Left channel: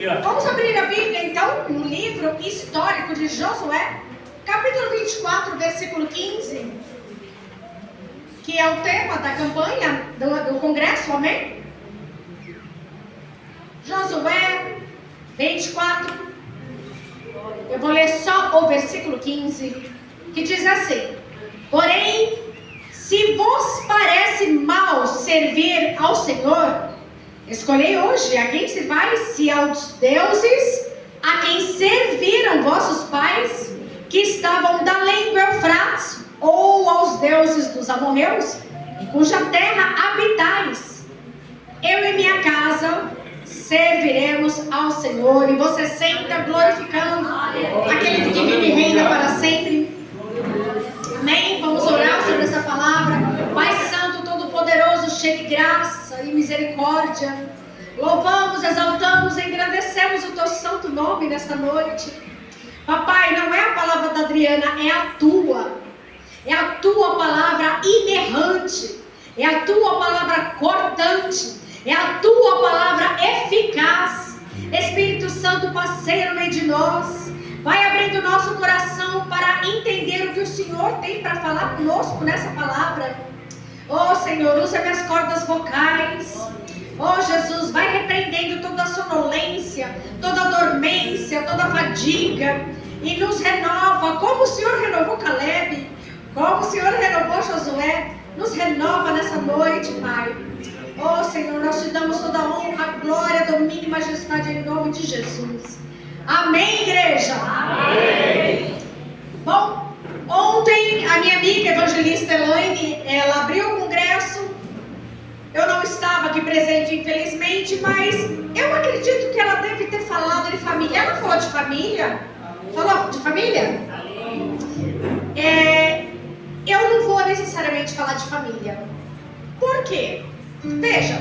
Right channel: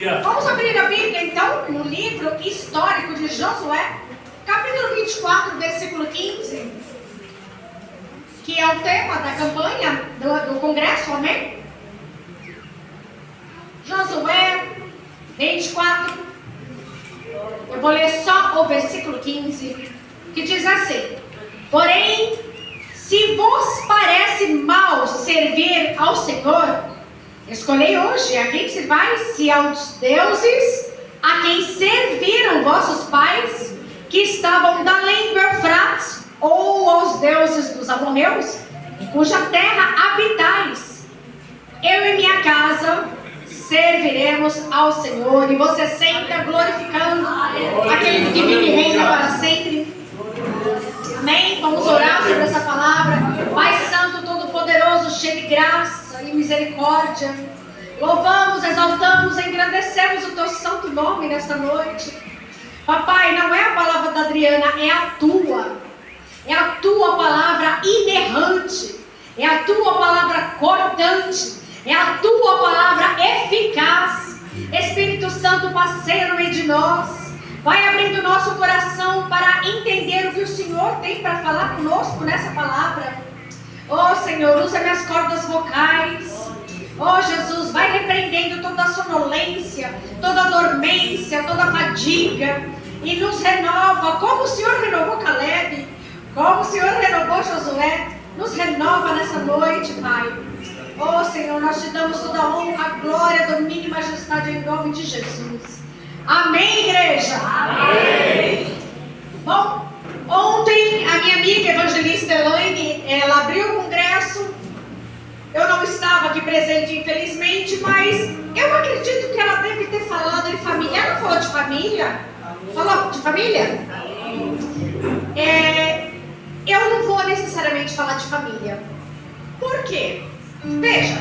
Vamos abrir a Bíblia, então, no livro histórico de Josué, capítulo 24, versículo 15, que é o tema da campanha do congresso, amém? Josué 24, eu vou ler só o versículo 15, que diz assim: porém, se vos parece mal servir ao Senhor, escolhei hoje a quem servais, se aos deuses a quem serviram vossos pais, que estavam da além do Eufrates, ou aos deuses dos amorreus, em cuja terra habitais. Eu e minha casa serviremos ao Senhor. E você senta glorificando aquele que vive e reina para sempre. Amém? Vamos orar sobre essa palavra. Pai Santo, Todo-Poderoso, cheio de graça e misericórdia, louvamos, exaltamos, engrandecemos o teu santo nome nesta noite. Papai, não é a palavra da Adriana, é a tua palavra inerrante, é a tua palavra cortante, é a tua palavra eficaz. Espírito Santo, passeia no meio de nós, vai abrindo nosso coração para entender o que o Senhor tem para falar conosco nessa palavra. Oh Senhor, usa minhas cordas vocais. Oh Jesus, vai repreendendo toda a sonolência, toda a dormência, toda a fadiga, e nos renova, como o Senhor renovou Caleb, como o Senhor renovou Josué. Nos renova nessa noite, Pai. Oh Senhor, nós te damos toda a honra, a glória, domínio e majestade em nome de Jesus. Amém, igreja? Amém. Bom, ontem a minha amiga evangelista Elaine, ela abriu o congresso. Eu não estava aqui presente, infelizmente, mas eu acredito que ela deve ter falado de família. Ela falou de família? Falou de família? Eu não vou necessariamente falar de família. Por quê? Veja,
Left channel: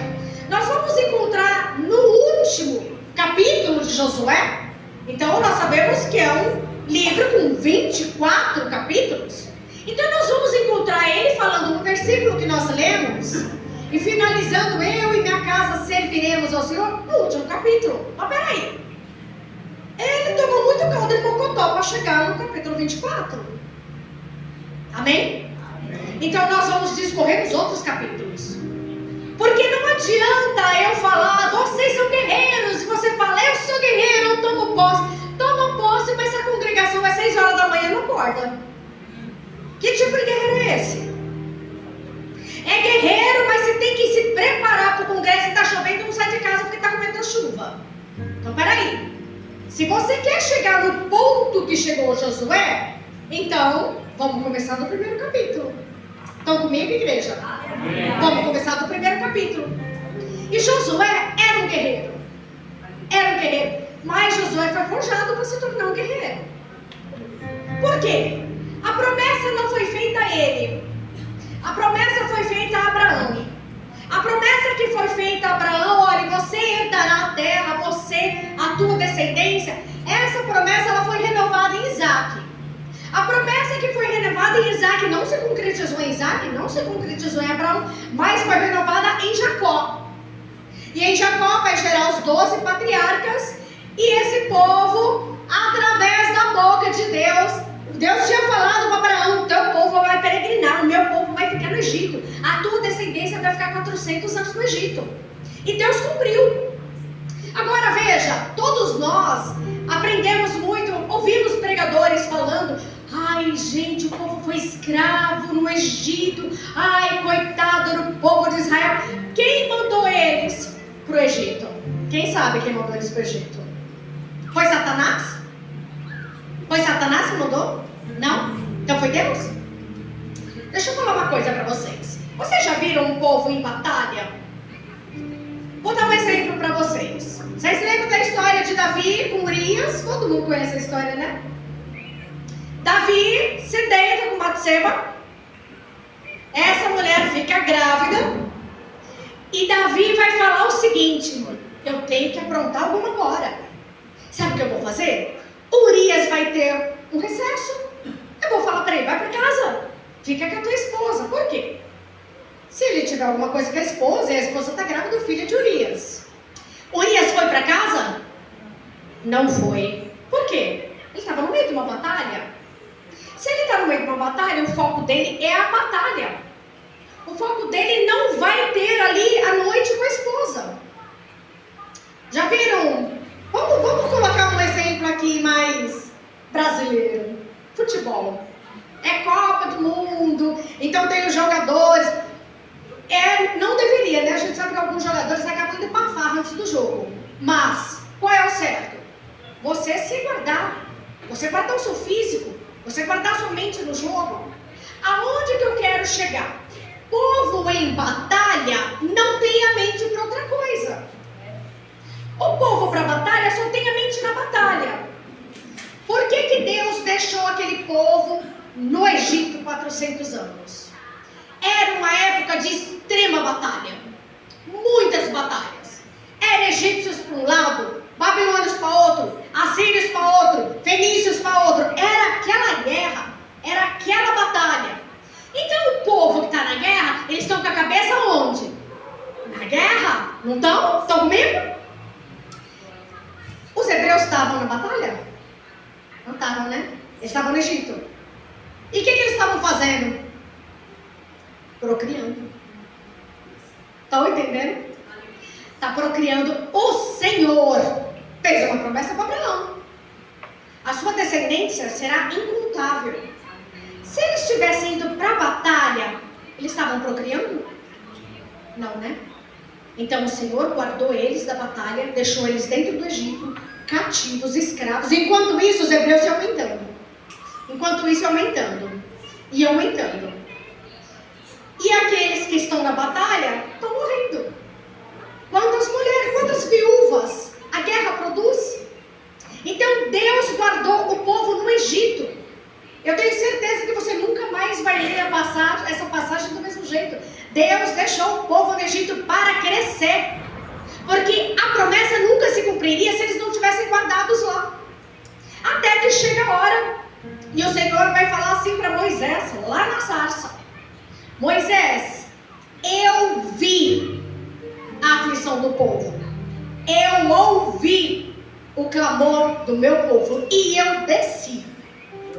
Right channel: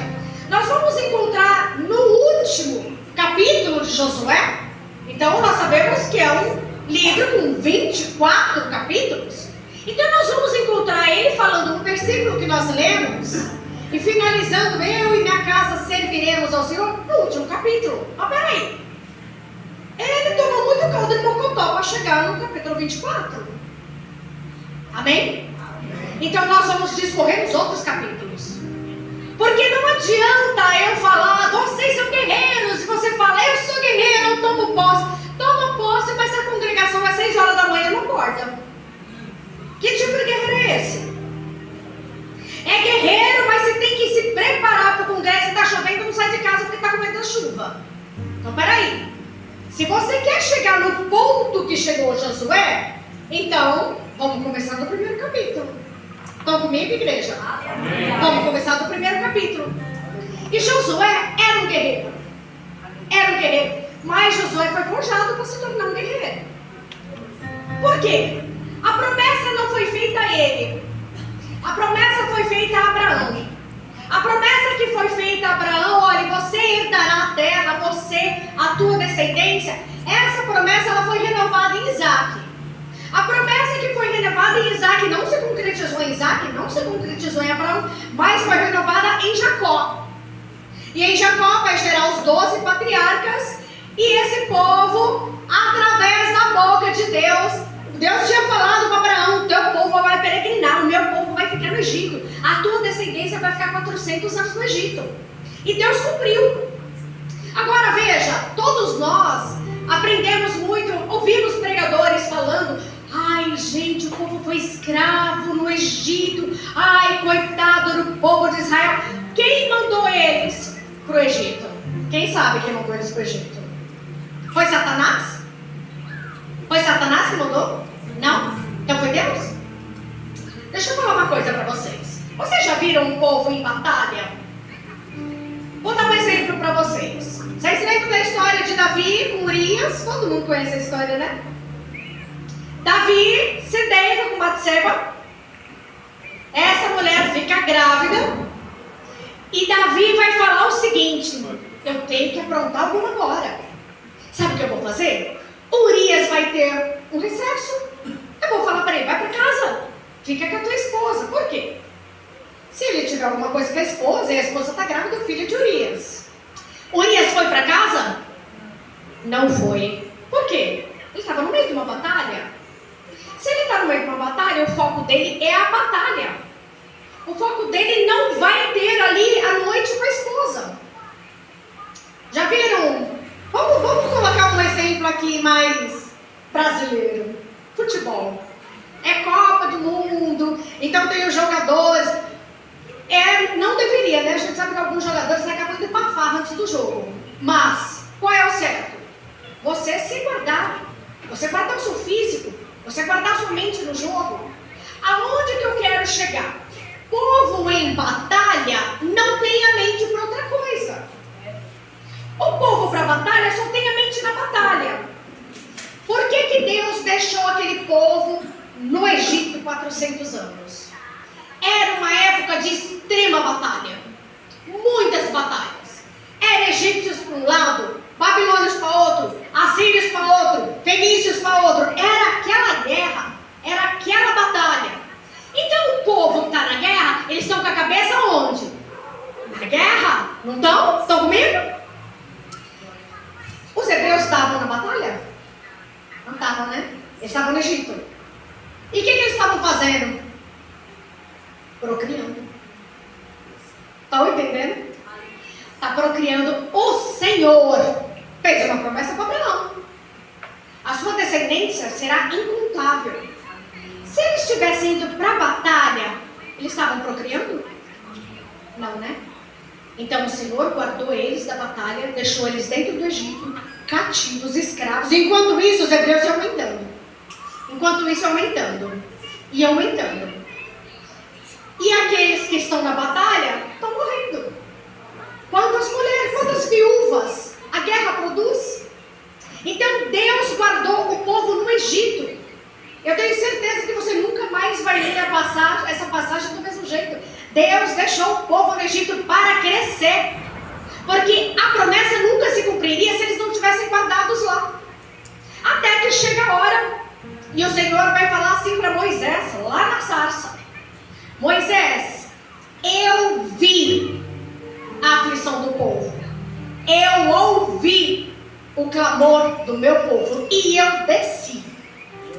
nós vamos encontrar no último capítulo de Josué. Então nós sabemos que é um livro com 24 capítulos. Então nós vamos encontrar ele falando um versículo que nós lemos e finalizando: eu e minha casa serviremos ao Senhor, no último capítulo. Mas peraí, ele tomou muito caldo de mocotó para chegar no capítulo 24. Amém? Então nós vamos discorrer nos outros capítulos. Porque não adianta eu falar, vocês são guerreiros, e você fala, eu sou guerreiro, eu tomo posse. Toma posse, mas se a congregação é 6 horas da manhã, não acorda. Que tipo de guerreiro é esse? É guerreiro, mas você tem que se preparar para o congresso. Se está chovendo, não sai de casa porque está com medo da chuva. Então peraí, se você quer chegar no ponto que chegou Josué, então vamos começar do primeiro capítulo. Estão comigo, igreja? Amém. Vamos começar do primeiro capítulo. E Josué era um guerreiro. Mas Josué foi forjado para se tornar um guerreiro. Por quê? A promessa não foi feita a ele. A promessa foi feita a Abraão. A promessa que foi feita a Abraão: olha, você herdará a terra, você, a tua descendência. Essa promessa ela foi renovada em Isaac. A promessa que foi renovada em Isaac não se concretizou em Isaac, não se concretizou em Abraão, mas foi renovada em Jacó. E em Jacó vai gerar os 12 patriarcas. E esse povo, através da boca de Deus, Deus tinha falado para Abraão: teu povo vai peregrinar, o meu povo vai ficar no Egito, a tua descendência vai ficar 400 anos no Egito. E Deus cumpriu. Agora veja, todos nós aprendemos muito, ouvimos pregadores falando: ai gente, o povo foi escravo no Egito, ai coitado do povo de Israel. Quem mandou eles para o Egito? Quem sabe quem mandou eles para o Egito? Foi Satanás? Foi Satanás que mandou? Não? Então foi Deus? Deixa eu falar uma coisa para vocês. Vocês já viram um povo em batalha? Vou dar um exemplo para vocês. Vocês lembram da história de Davi com Urias? Todo mundo conhece a história, né? Davi se deita com Batseba. Essa mulher fica grávida. E Davi vai falar o seguinte: eu tenho que aprontar alguma agora. Sabe o que eu vou fazer? Urias vai ter um recesso. Eu vou falar para ele: vai para casa, fica com a tua esposa. Por quê? Se ele tiver alguma coisa com a esposa, e a esposa está grávida do filho de Urias, Urias foi para casa? Não foi. Por quê? Ele estava no meio de uma batalha. Se ele está no meio de uma batalha, o foco dele é a batalha. O foco dele não vai ter ali a noite com a esposa. Já viram? Vamos colocar um exemplo aqui mais brasileiro. Futebol. É Copa do Mundo, então tem os jogadores. Não deveria, né? A gente sabe que alguns jogadores acabam de pafar antes do jogo. Mas, qual é o certo? Você se guardar. Você guardar o seu físico. Você guardar a sua mente no jogo. Aonde que eu quero chegar? Povo em batalha não tem a mente para outra coisa. O povo para a batalha só tem a mente na batalha. Por que Deus deixou aquele povo no Egito 400 anos? Era uma época de extrema batalha. Muitas batalhas. Era egípcios para um lado, babilônios para outro, assírios para outro, fenícios para outro. Era aquela guerra, era aquela batalha. Então o povo que está na guerra, eles estão com a cabeça onde? Na guerra. Não estão? Estão comigo? Os hebreus estavam na batalha? Não estavam, né? Eles estavam no Egito. E o que eles estavam fazendo? Procriando. Estão entendendo? Está procriando. O Senhor fez uma promessa para Abraão. A sua descendência será incontável. Se eles estivessem indo para a batalha, eles estavam procriando? Não, né? Então o Senhor guardou eles da batalha, deixou eles dentro do Egito, cativos, escravos. Enquanto isso, os hebreus iam aumentando. Enquanto isso, aumentando. E aumentando. E aqueles que estão na batalha estão morrendo. Quantas mulheres, quantas viúvas a guerra produz? Então Deus guardou o povo no Egito. Eu tenho certeza que você nunca mais vai ler essa passagem do mesmo jeito. Deus deixou o povo no Egito para crescer. Porque a promessa nunca se cumpriria se eles não tivessem guardados lá. Até que chega a hora. E o Senhor vai falar assim para Moisés, lá na sarça. Moisés, eu vi a aflição do povo. Eu ouvi o clamor do meu povo. E eu desci.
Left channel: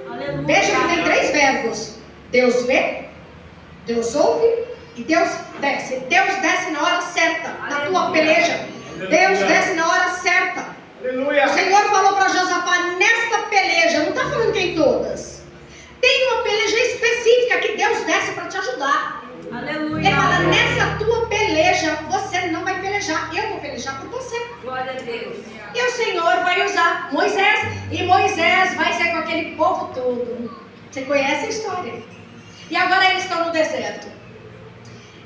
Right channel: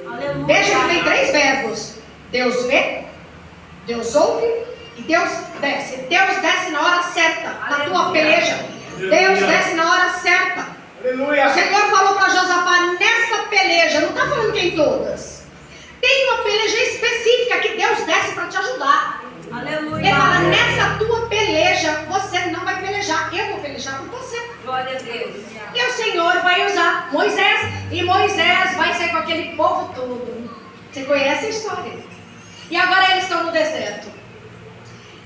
Aleluia. Veja que tem 3 verbos. Deus vê, Deus ouve e Deus desce. Deus desce na hora certa, na tua peleja. Deus desce na hora certa. Aleluia. O Senhor falou para Josafá, nesta peleja, não está falando que em todas. Tem uma peleja específica que Deus desce para te ajudar. Aleluia. Ele fala, nessa tua peleja, você não vai pelejar, eu vou pelejar por você. Glória a Deus. E o Senhor vai usar Moisés, e Moisés vai ser com aquele povo todo. Você conhece a história. E agora eles estão no deserto.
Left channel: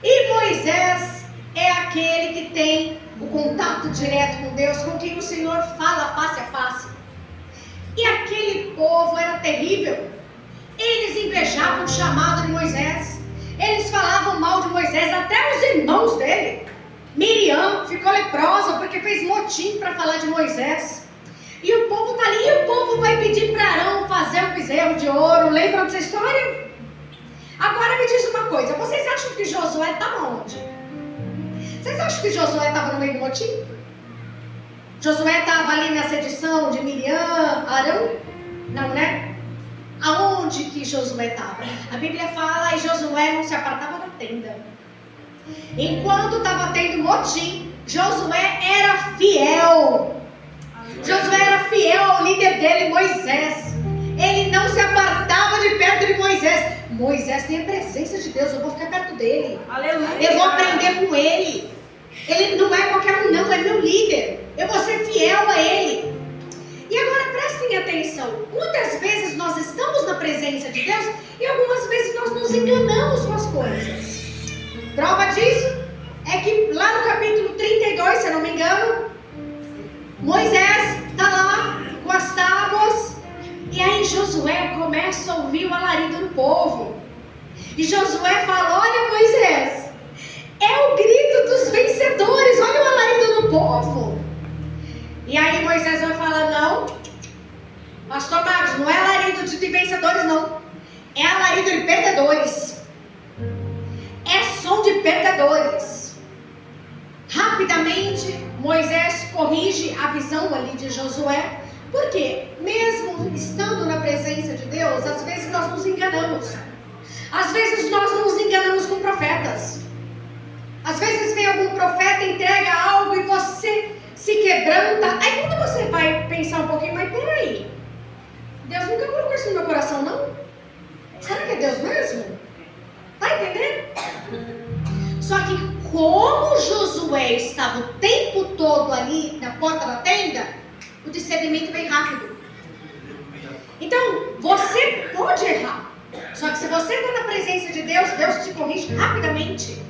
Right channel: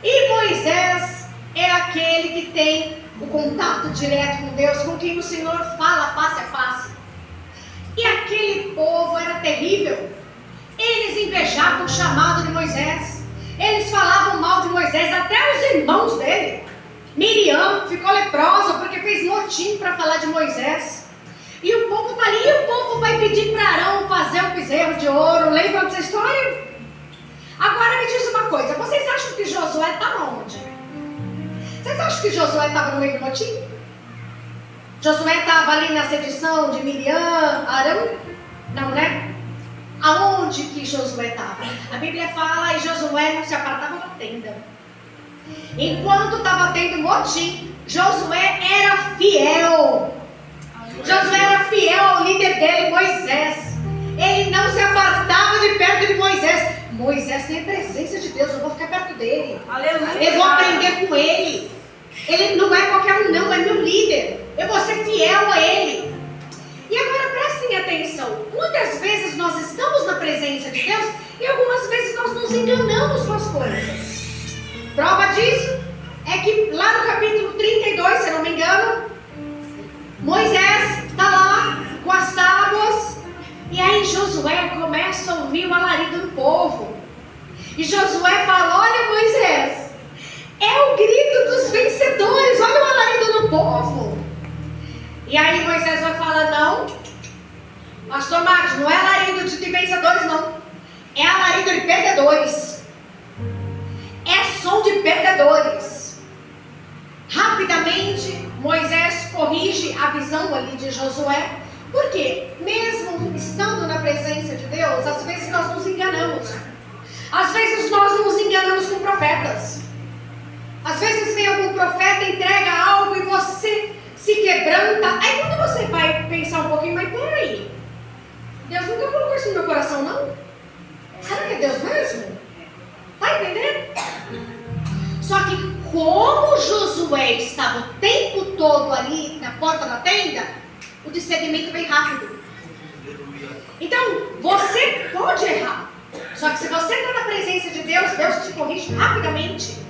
E Moisés é aquele que tem o contato direto com Deus, com quem o Senhor fala face a face. E aquele povo era terrível. Eles invejavam o chamado de Moisés. Eles falavam mal de Moisés, até os irmãos dele. Miriam ficou leprosa porque fez motim para falar de Moisés. E o povo está ali, e o povo vai pedir para Arão fazer um bezerro de ouro. Lembram dessa história? Agora me diz uma coisa, vocês acham que Josué está onde? Vocês acham que Josué estava no meio do motim? Josué estava ali na sedição de Miriam, Arão? Não, né? Aonde que Josué estava? A Bíblia fala, e Josué não se apartava da tenda. Enquanto estava tendo motim, Josué era fiel. Josué era fiel ao líder dele, Moisés. Ele não se apartava de perto de Moisés. Moisés tem a presença de Deus, eu vou ficar perto dele. Aleluia. Eu vou aprender com ele. Ele não é qualquer um não, é meu líder. Eu vou ser fiel a ele. E agora prestem atenção. Muitas vezes nós estamos na presença de Deus e algumas vezes nós nos enganamos com as coisas. Prova disso é que lá no capítulo 32, se eu não me engano, Moisés está lá com as tábuas. E aí Josué começa a ouvir o alarido do povo. E Josué fala, olha Moisés, é o grito dos vencedores, olha o alarido do povo. E aí Moisés vai falar, não, pastor Marcos, não é alarido de vencedores não, é alarido de perdedores. É som de perdedores. Rapidamente Moisés corrige a visão ali de Josué, porque mesmo estando na presença de Deus, às vezes nós nos enganamos. Às vezes nós nos enganamos com profetas. Às vezes vem algum profeta, entrega algo e você se quebranta. Aí quando você vai pensar um pouquinho, mas peraí, Deus nunca colocou isso no meu coração, não? Será que é Deus mesmo? Tá entendendo? Só que como Josué estava o tempo todo ali na porta da tenda, o discernimento vem rápido. Então, você pode errar. Só que se você está na presença de Deus, Deus te corrige rapidamente.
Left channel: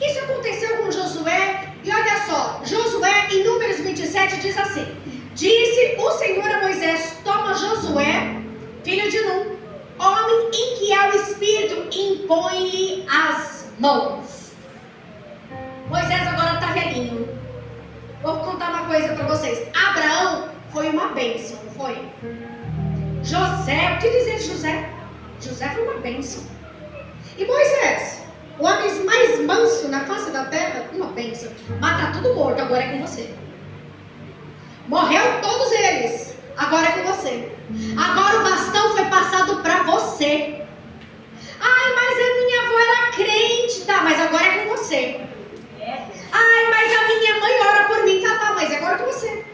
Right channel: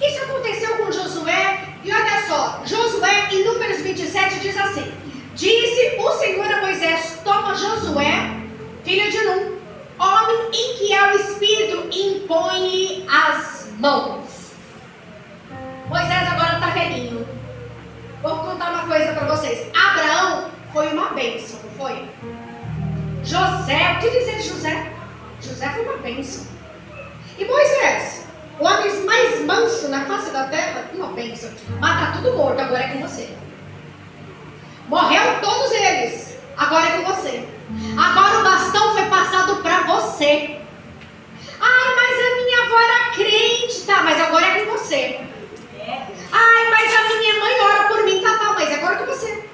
Isso aconteceu com Josué. E olha só, Josué em Números 27 diz assim: disse o Senhor a Moisés: toma Josué, filho de Nun, homem em que há o Espírito, impõe-lhe as mãos. Moisés agora está velhinho. Vou contar uma coisa para vocês. Abraão foi uma bênção, foi? José, o que dizer de José? José foi uma bênção. E Moisés, o homem mais manso na face da terra, uma bênção. Mas está tudo morto, agora é com você. Morreu todos eles, agora é com você. Agora o bastão foi passado para você. Ah, mas a minha avó era crente, tá, mas agora é com você. Ai, mas a minha mãe ora por mim, tá, mas agora é com você.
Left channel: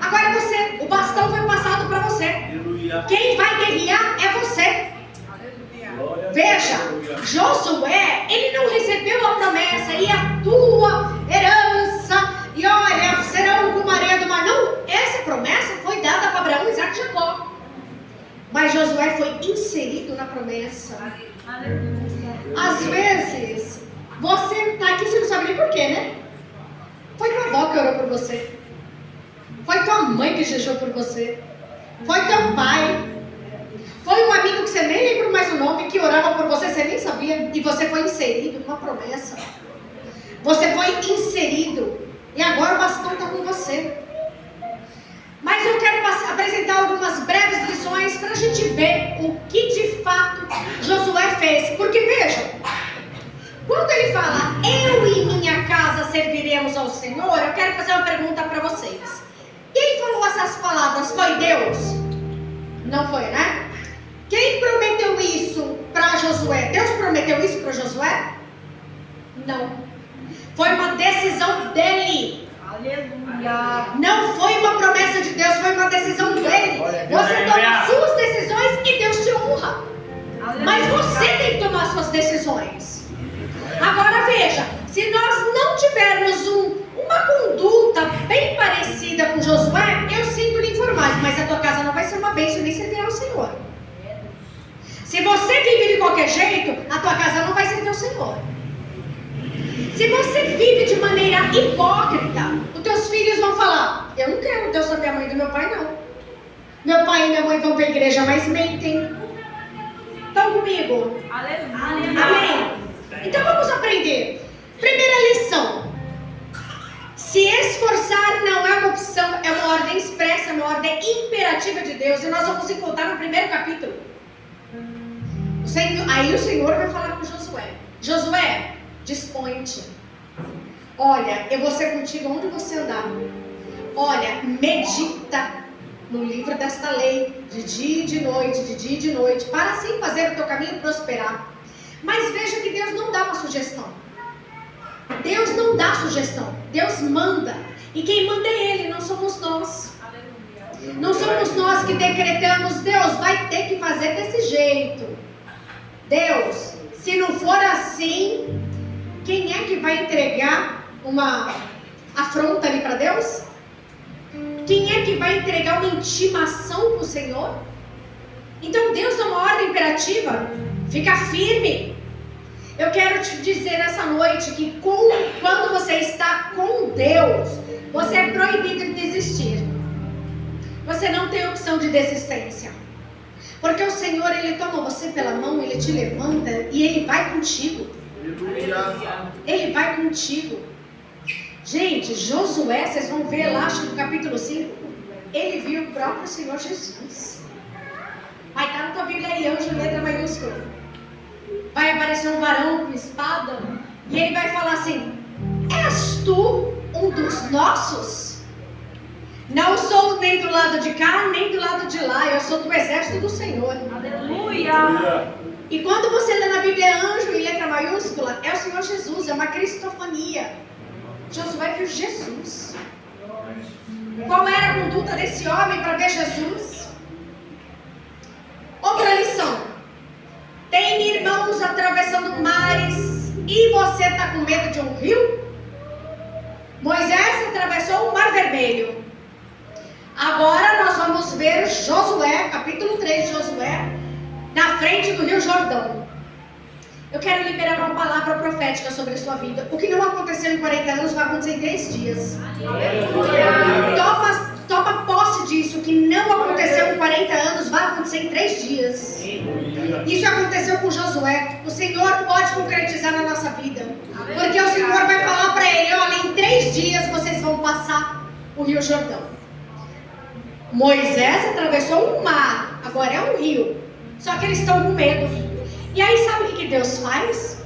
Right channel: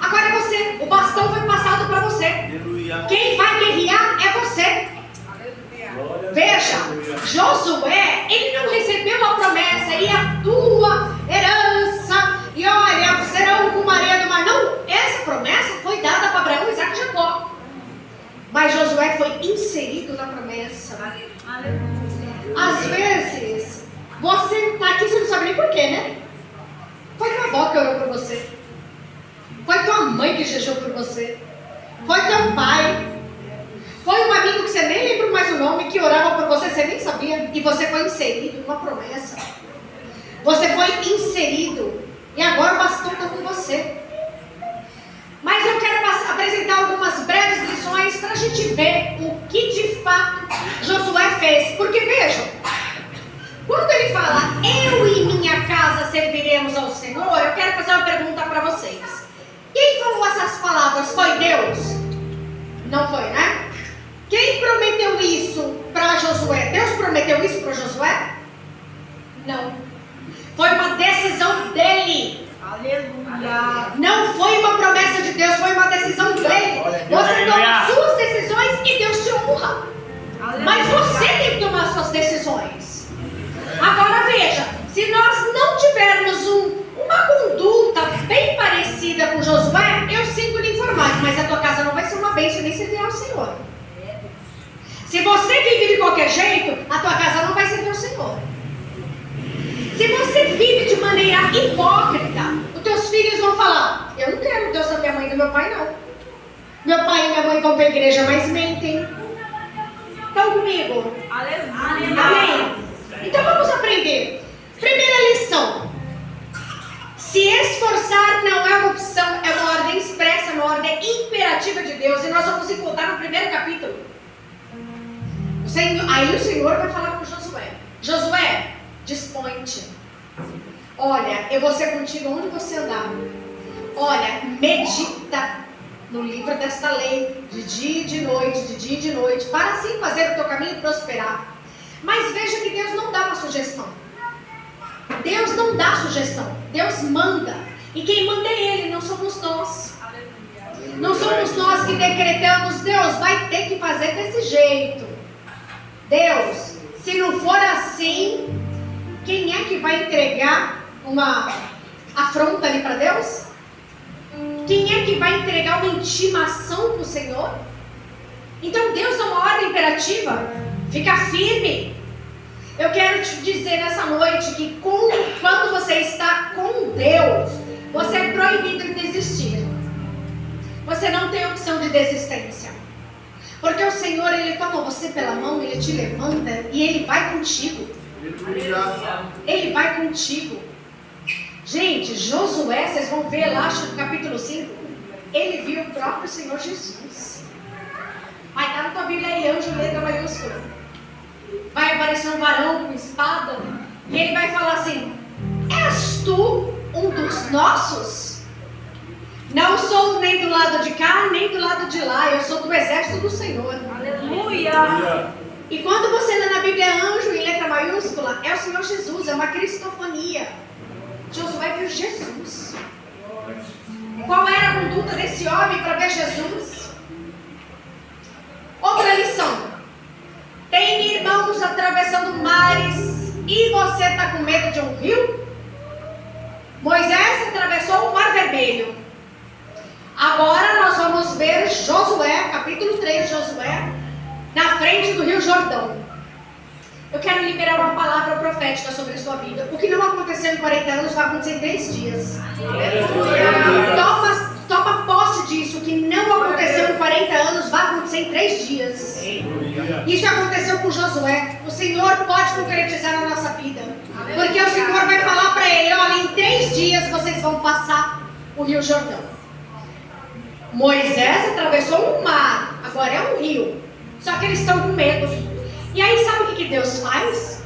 Agora é você, o bastão foi passado para você. Aleluia. Quem vai guerrear é você. Aleluia. Veja, Josué, ele não recebeu a promessa, e a tua herança, e olha, serão como a areia do mar. Não, essa promessa foi dada para Abraão, Isaac e Jacó. Mas Josué foi inserido na promessa. Aleluia. Às vezes, você está aqui, você não sabe nem porquê, né? Foi tua avó que orou por você. Foi tua mãe que jejou por você. Foi teu pai. Foi um amigo que você nem lembra mais o nome, que orava por você, você nem sabia. E você foi inserido numa promessa. Você foi inserido. E agora o bastão está com você. Mas eu quero apresentar algumas breves lições para a gente ver o que de fato Josué fez. Porque vejam, quando ele fala, eu e minha casa serviremos ao Senhor, eu quero fazer uma pergunta para vocês. Quem falou essas palavras? Foi Deus? Não foi, né? Quem prometeu isso para Josué? Deus prometeu isso para Josué? Não. Foi uma decisão dele. Aleluia. Não foi uma promessa de Deus, foi uma decisão dele. Você toma suas decisões e Deus te honra. Aleluia. Mas você tem que tomar suas decisões. Agora veja, se nós não tivermos uma conduta bem parecida com Josué, eu sinto lhe informar, mas a tua casa não vai ser uma bênção nem servir ao Senhor. Se você vive de qualquer jeito, a tua casa não vai servir ao Senhor. Se você vive de maneira hipócrita, os teus filhos vão falar, eu não quero o Deus da minha mãe e do meu pai, não. Meu pai e minha mãe vão para a igreja, mas mentem. Estão comigo? Aleluia. Amém? Então vamos aprender. Primeira lição. Se esforçar não é uma opção, é uma ordem expressa, uma ordem imperativa de Deus. E nós vamos encontrar no primeiro capítulo. Aí o Senhor vai falar com Josué. Josué, dispõe-te. Olha, eu vou ser contigo onde você andar. Olha, medita no livro desta lei, de dia e de noite, para assim fazer o teu caminho prosperar. Mas veja que Deus não dá uma sugestão. Deus não dá sugestão. Deus manda. E quem manda é Ele, não somos nós. Aleluia. Não somos nós que decretamos, Deus vai ter que fazer desse jeito. Deus, se não for assim, quem é que vai entregar uma afronta ali para Deus? Quem é que vai entregar uma intimação para o Senhor? Então Deus dá uma ordem imperativa. Fica firme. Eu quero te dizer nessa noite que quando você está com Deus, você é proibido de desistir. Você não tem opção de desistência. Porque o Senhor, Ele toma você pela mão, Ele te levanta e Ele vai contigo. Ele vai contigo. Gente, Josué, vocês vão ver lá no capítulo 5, ele viu o próprio Senhor Jesus. Vai estar na tua Bíblia aí, anjo, letra maiúscula. Vai aparecer um varão com espada e ele vai falar assim, és tu um dos nossos. Não sou nem do lado de cá, nem do lado de lá. Eu sou do exército do Senhor. Aleluia! E quando você lê na Bíblia anjo em letra maiúscula, é o Senhor Jesus, é uma cristofania. Josué viu Jesus. Qual era a conduta desse homem para ver Jesus? Outra lição. Tem irmãos atravessando mares e você está com medo de um rio? Moisés atravessou o Mar Vermelho. Agora nós vamos ver Josué, capítulo 3 de Josué, na frente do Rio Jordão. Eu quero liberar uma palavra profética sobre a sua vida. O que não aconteceu em 40 anos vai acontecer em 3 dias. Toma posse disso. O que não aconteceu em 40 anos vai acontecer em 3 dias. Isso aconteceu com Josué. O Senhor pode concretizar na nossa vida. Porque o Senhor vai falar para ele: olha, em 3 dias vocês vão passar o Rio Jordão. Moisés atravessou um mar, agora é um rio. Só que eles estão com medo. E aí sabe o que Deus faz?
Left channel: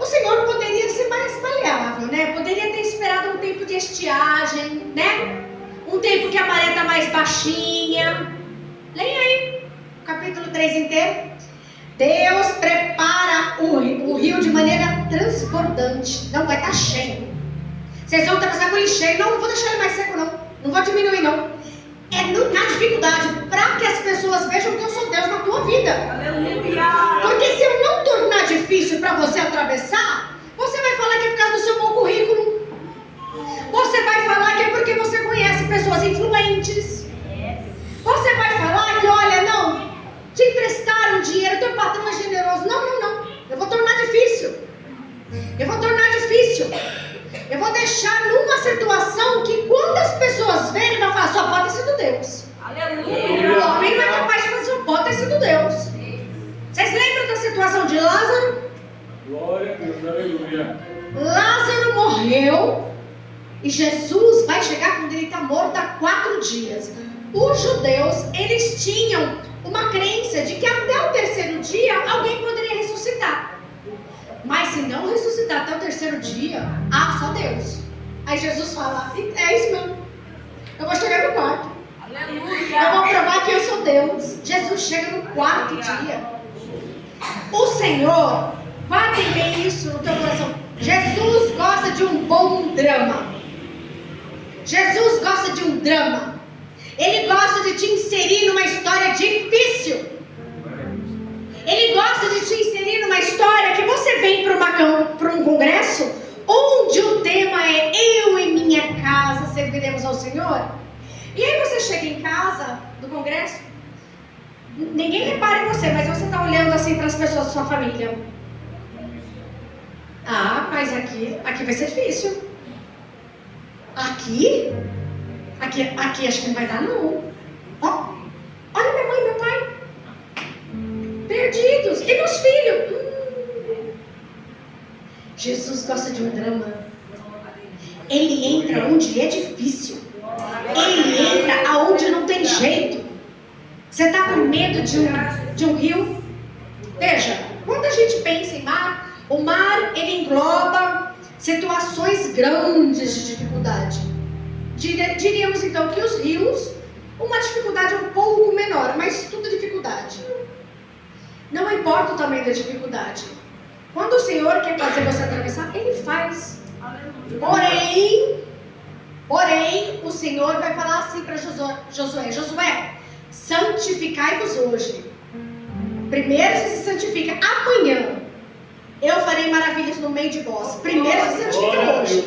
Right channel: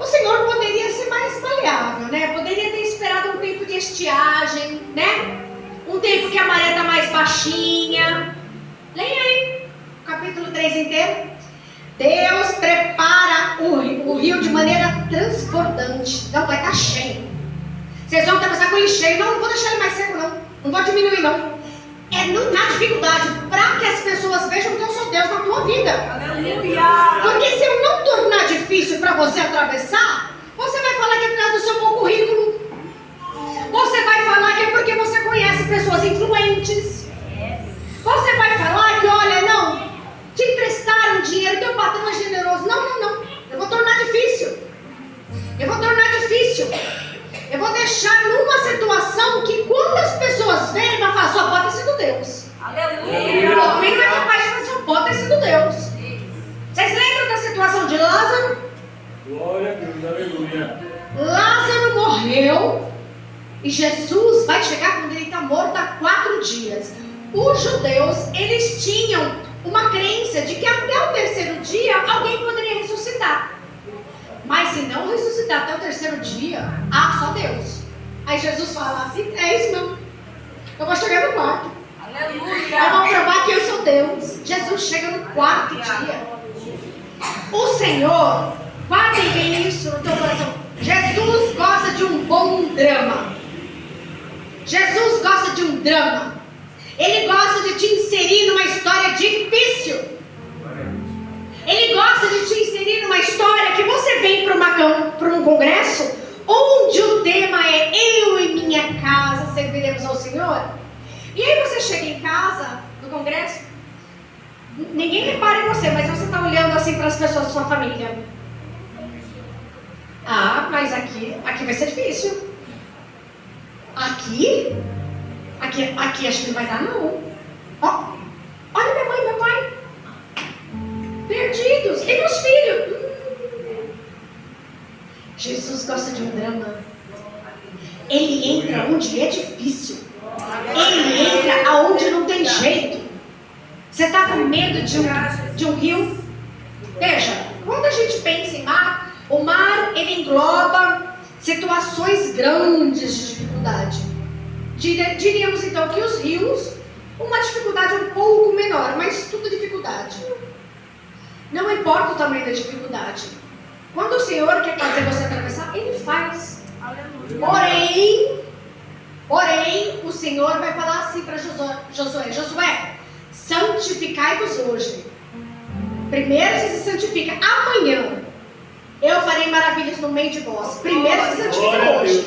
O Senhor poderia ser mais maleável, né? Poderia ter esperado um tempo de estiagem, né? Um tempo que a maré está mais baixinha. Leia aí o capítulo 3 inteiro. Deus prepara o rio de maneira transbordante. Não vai estar cheio. Vocês vão atravessar com ele cheio. Não vou deixar ele mais seco, não. Não vou diminuir, não. É na dificuldade, para que as pessoas vejam que eu sou Deus na tua vida. Aleluia! Porque se eu não tornar difícil para você atravessar, você vai falar que é por causa do seu bom currículo. Você vai falar que é porque você conhece pessoas influentes. Você vai falar que, olha, não, te emprestaram dinheiro, teu patrão é generoso. Não. Eu vou tornar difícil. Eu vou deixar numa situação que quando as pessoas verem, vai falar, só pode ter sido Deus. Aleluia! O homem não é capaz de fazer, só pode ter sido Deus. Vocês lembram da situação de Lázaro? Glória a Deus, aleluia. Lázaro morreu e Jesus vai chegar quando ele está morto há 4 dias. Os judeus, eles tinham uma crença de que até o 3º dia alguém poderia ressuscitar. Mas se não ressuscitar até o 3º dia, só Deus. Aí Jesus fala, é isso mesmo. Eu vou chegar no 4º. Aleluia! Eu vou provar que eu sou Deus. Jesus chega no 4º dia. O Senhor, guardem bem isso no teu coração. Jesus gosta de um bom drama. Jesus gosta de um drama. Ele gosta de te inserir numa história difícil. Ele gosta de te inserir numa história que você vem para um congresso onde o tema é eu e minha casa serviremos ao Senhor. E aí você chega em casa do congresso, ninguém repara em você, mas você está olhando assim para as pessoas da sua família. Mas aqui vai ser difícil. Aqui acho que não vai dar, não. Olha minha mãe e meu pai. Perdidos. E meus filhos? Jesus gosta de um drama. Ele entra onde é difícil. Ele entra aonde não tem jeito. Você está com medo de um rio? Veja, quando a gente pensa em mar, o mar ele engloba situações grandes de dificuldade. Diríamos então que os rios, uma dificuldade um pouco menor, mas tudo dificuldade. Não importa o tamanho da dificuldade. Quando o Senhor quer fazer você atravessar, Ele faz. Porém, o Senhor vai falar assim para Josué, santificai-vos hoje. Primeiro você se santifica. Amanhã eu farei maravilhas no meio de vós. Primeiro se santifica hoje.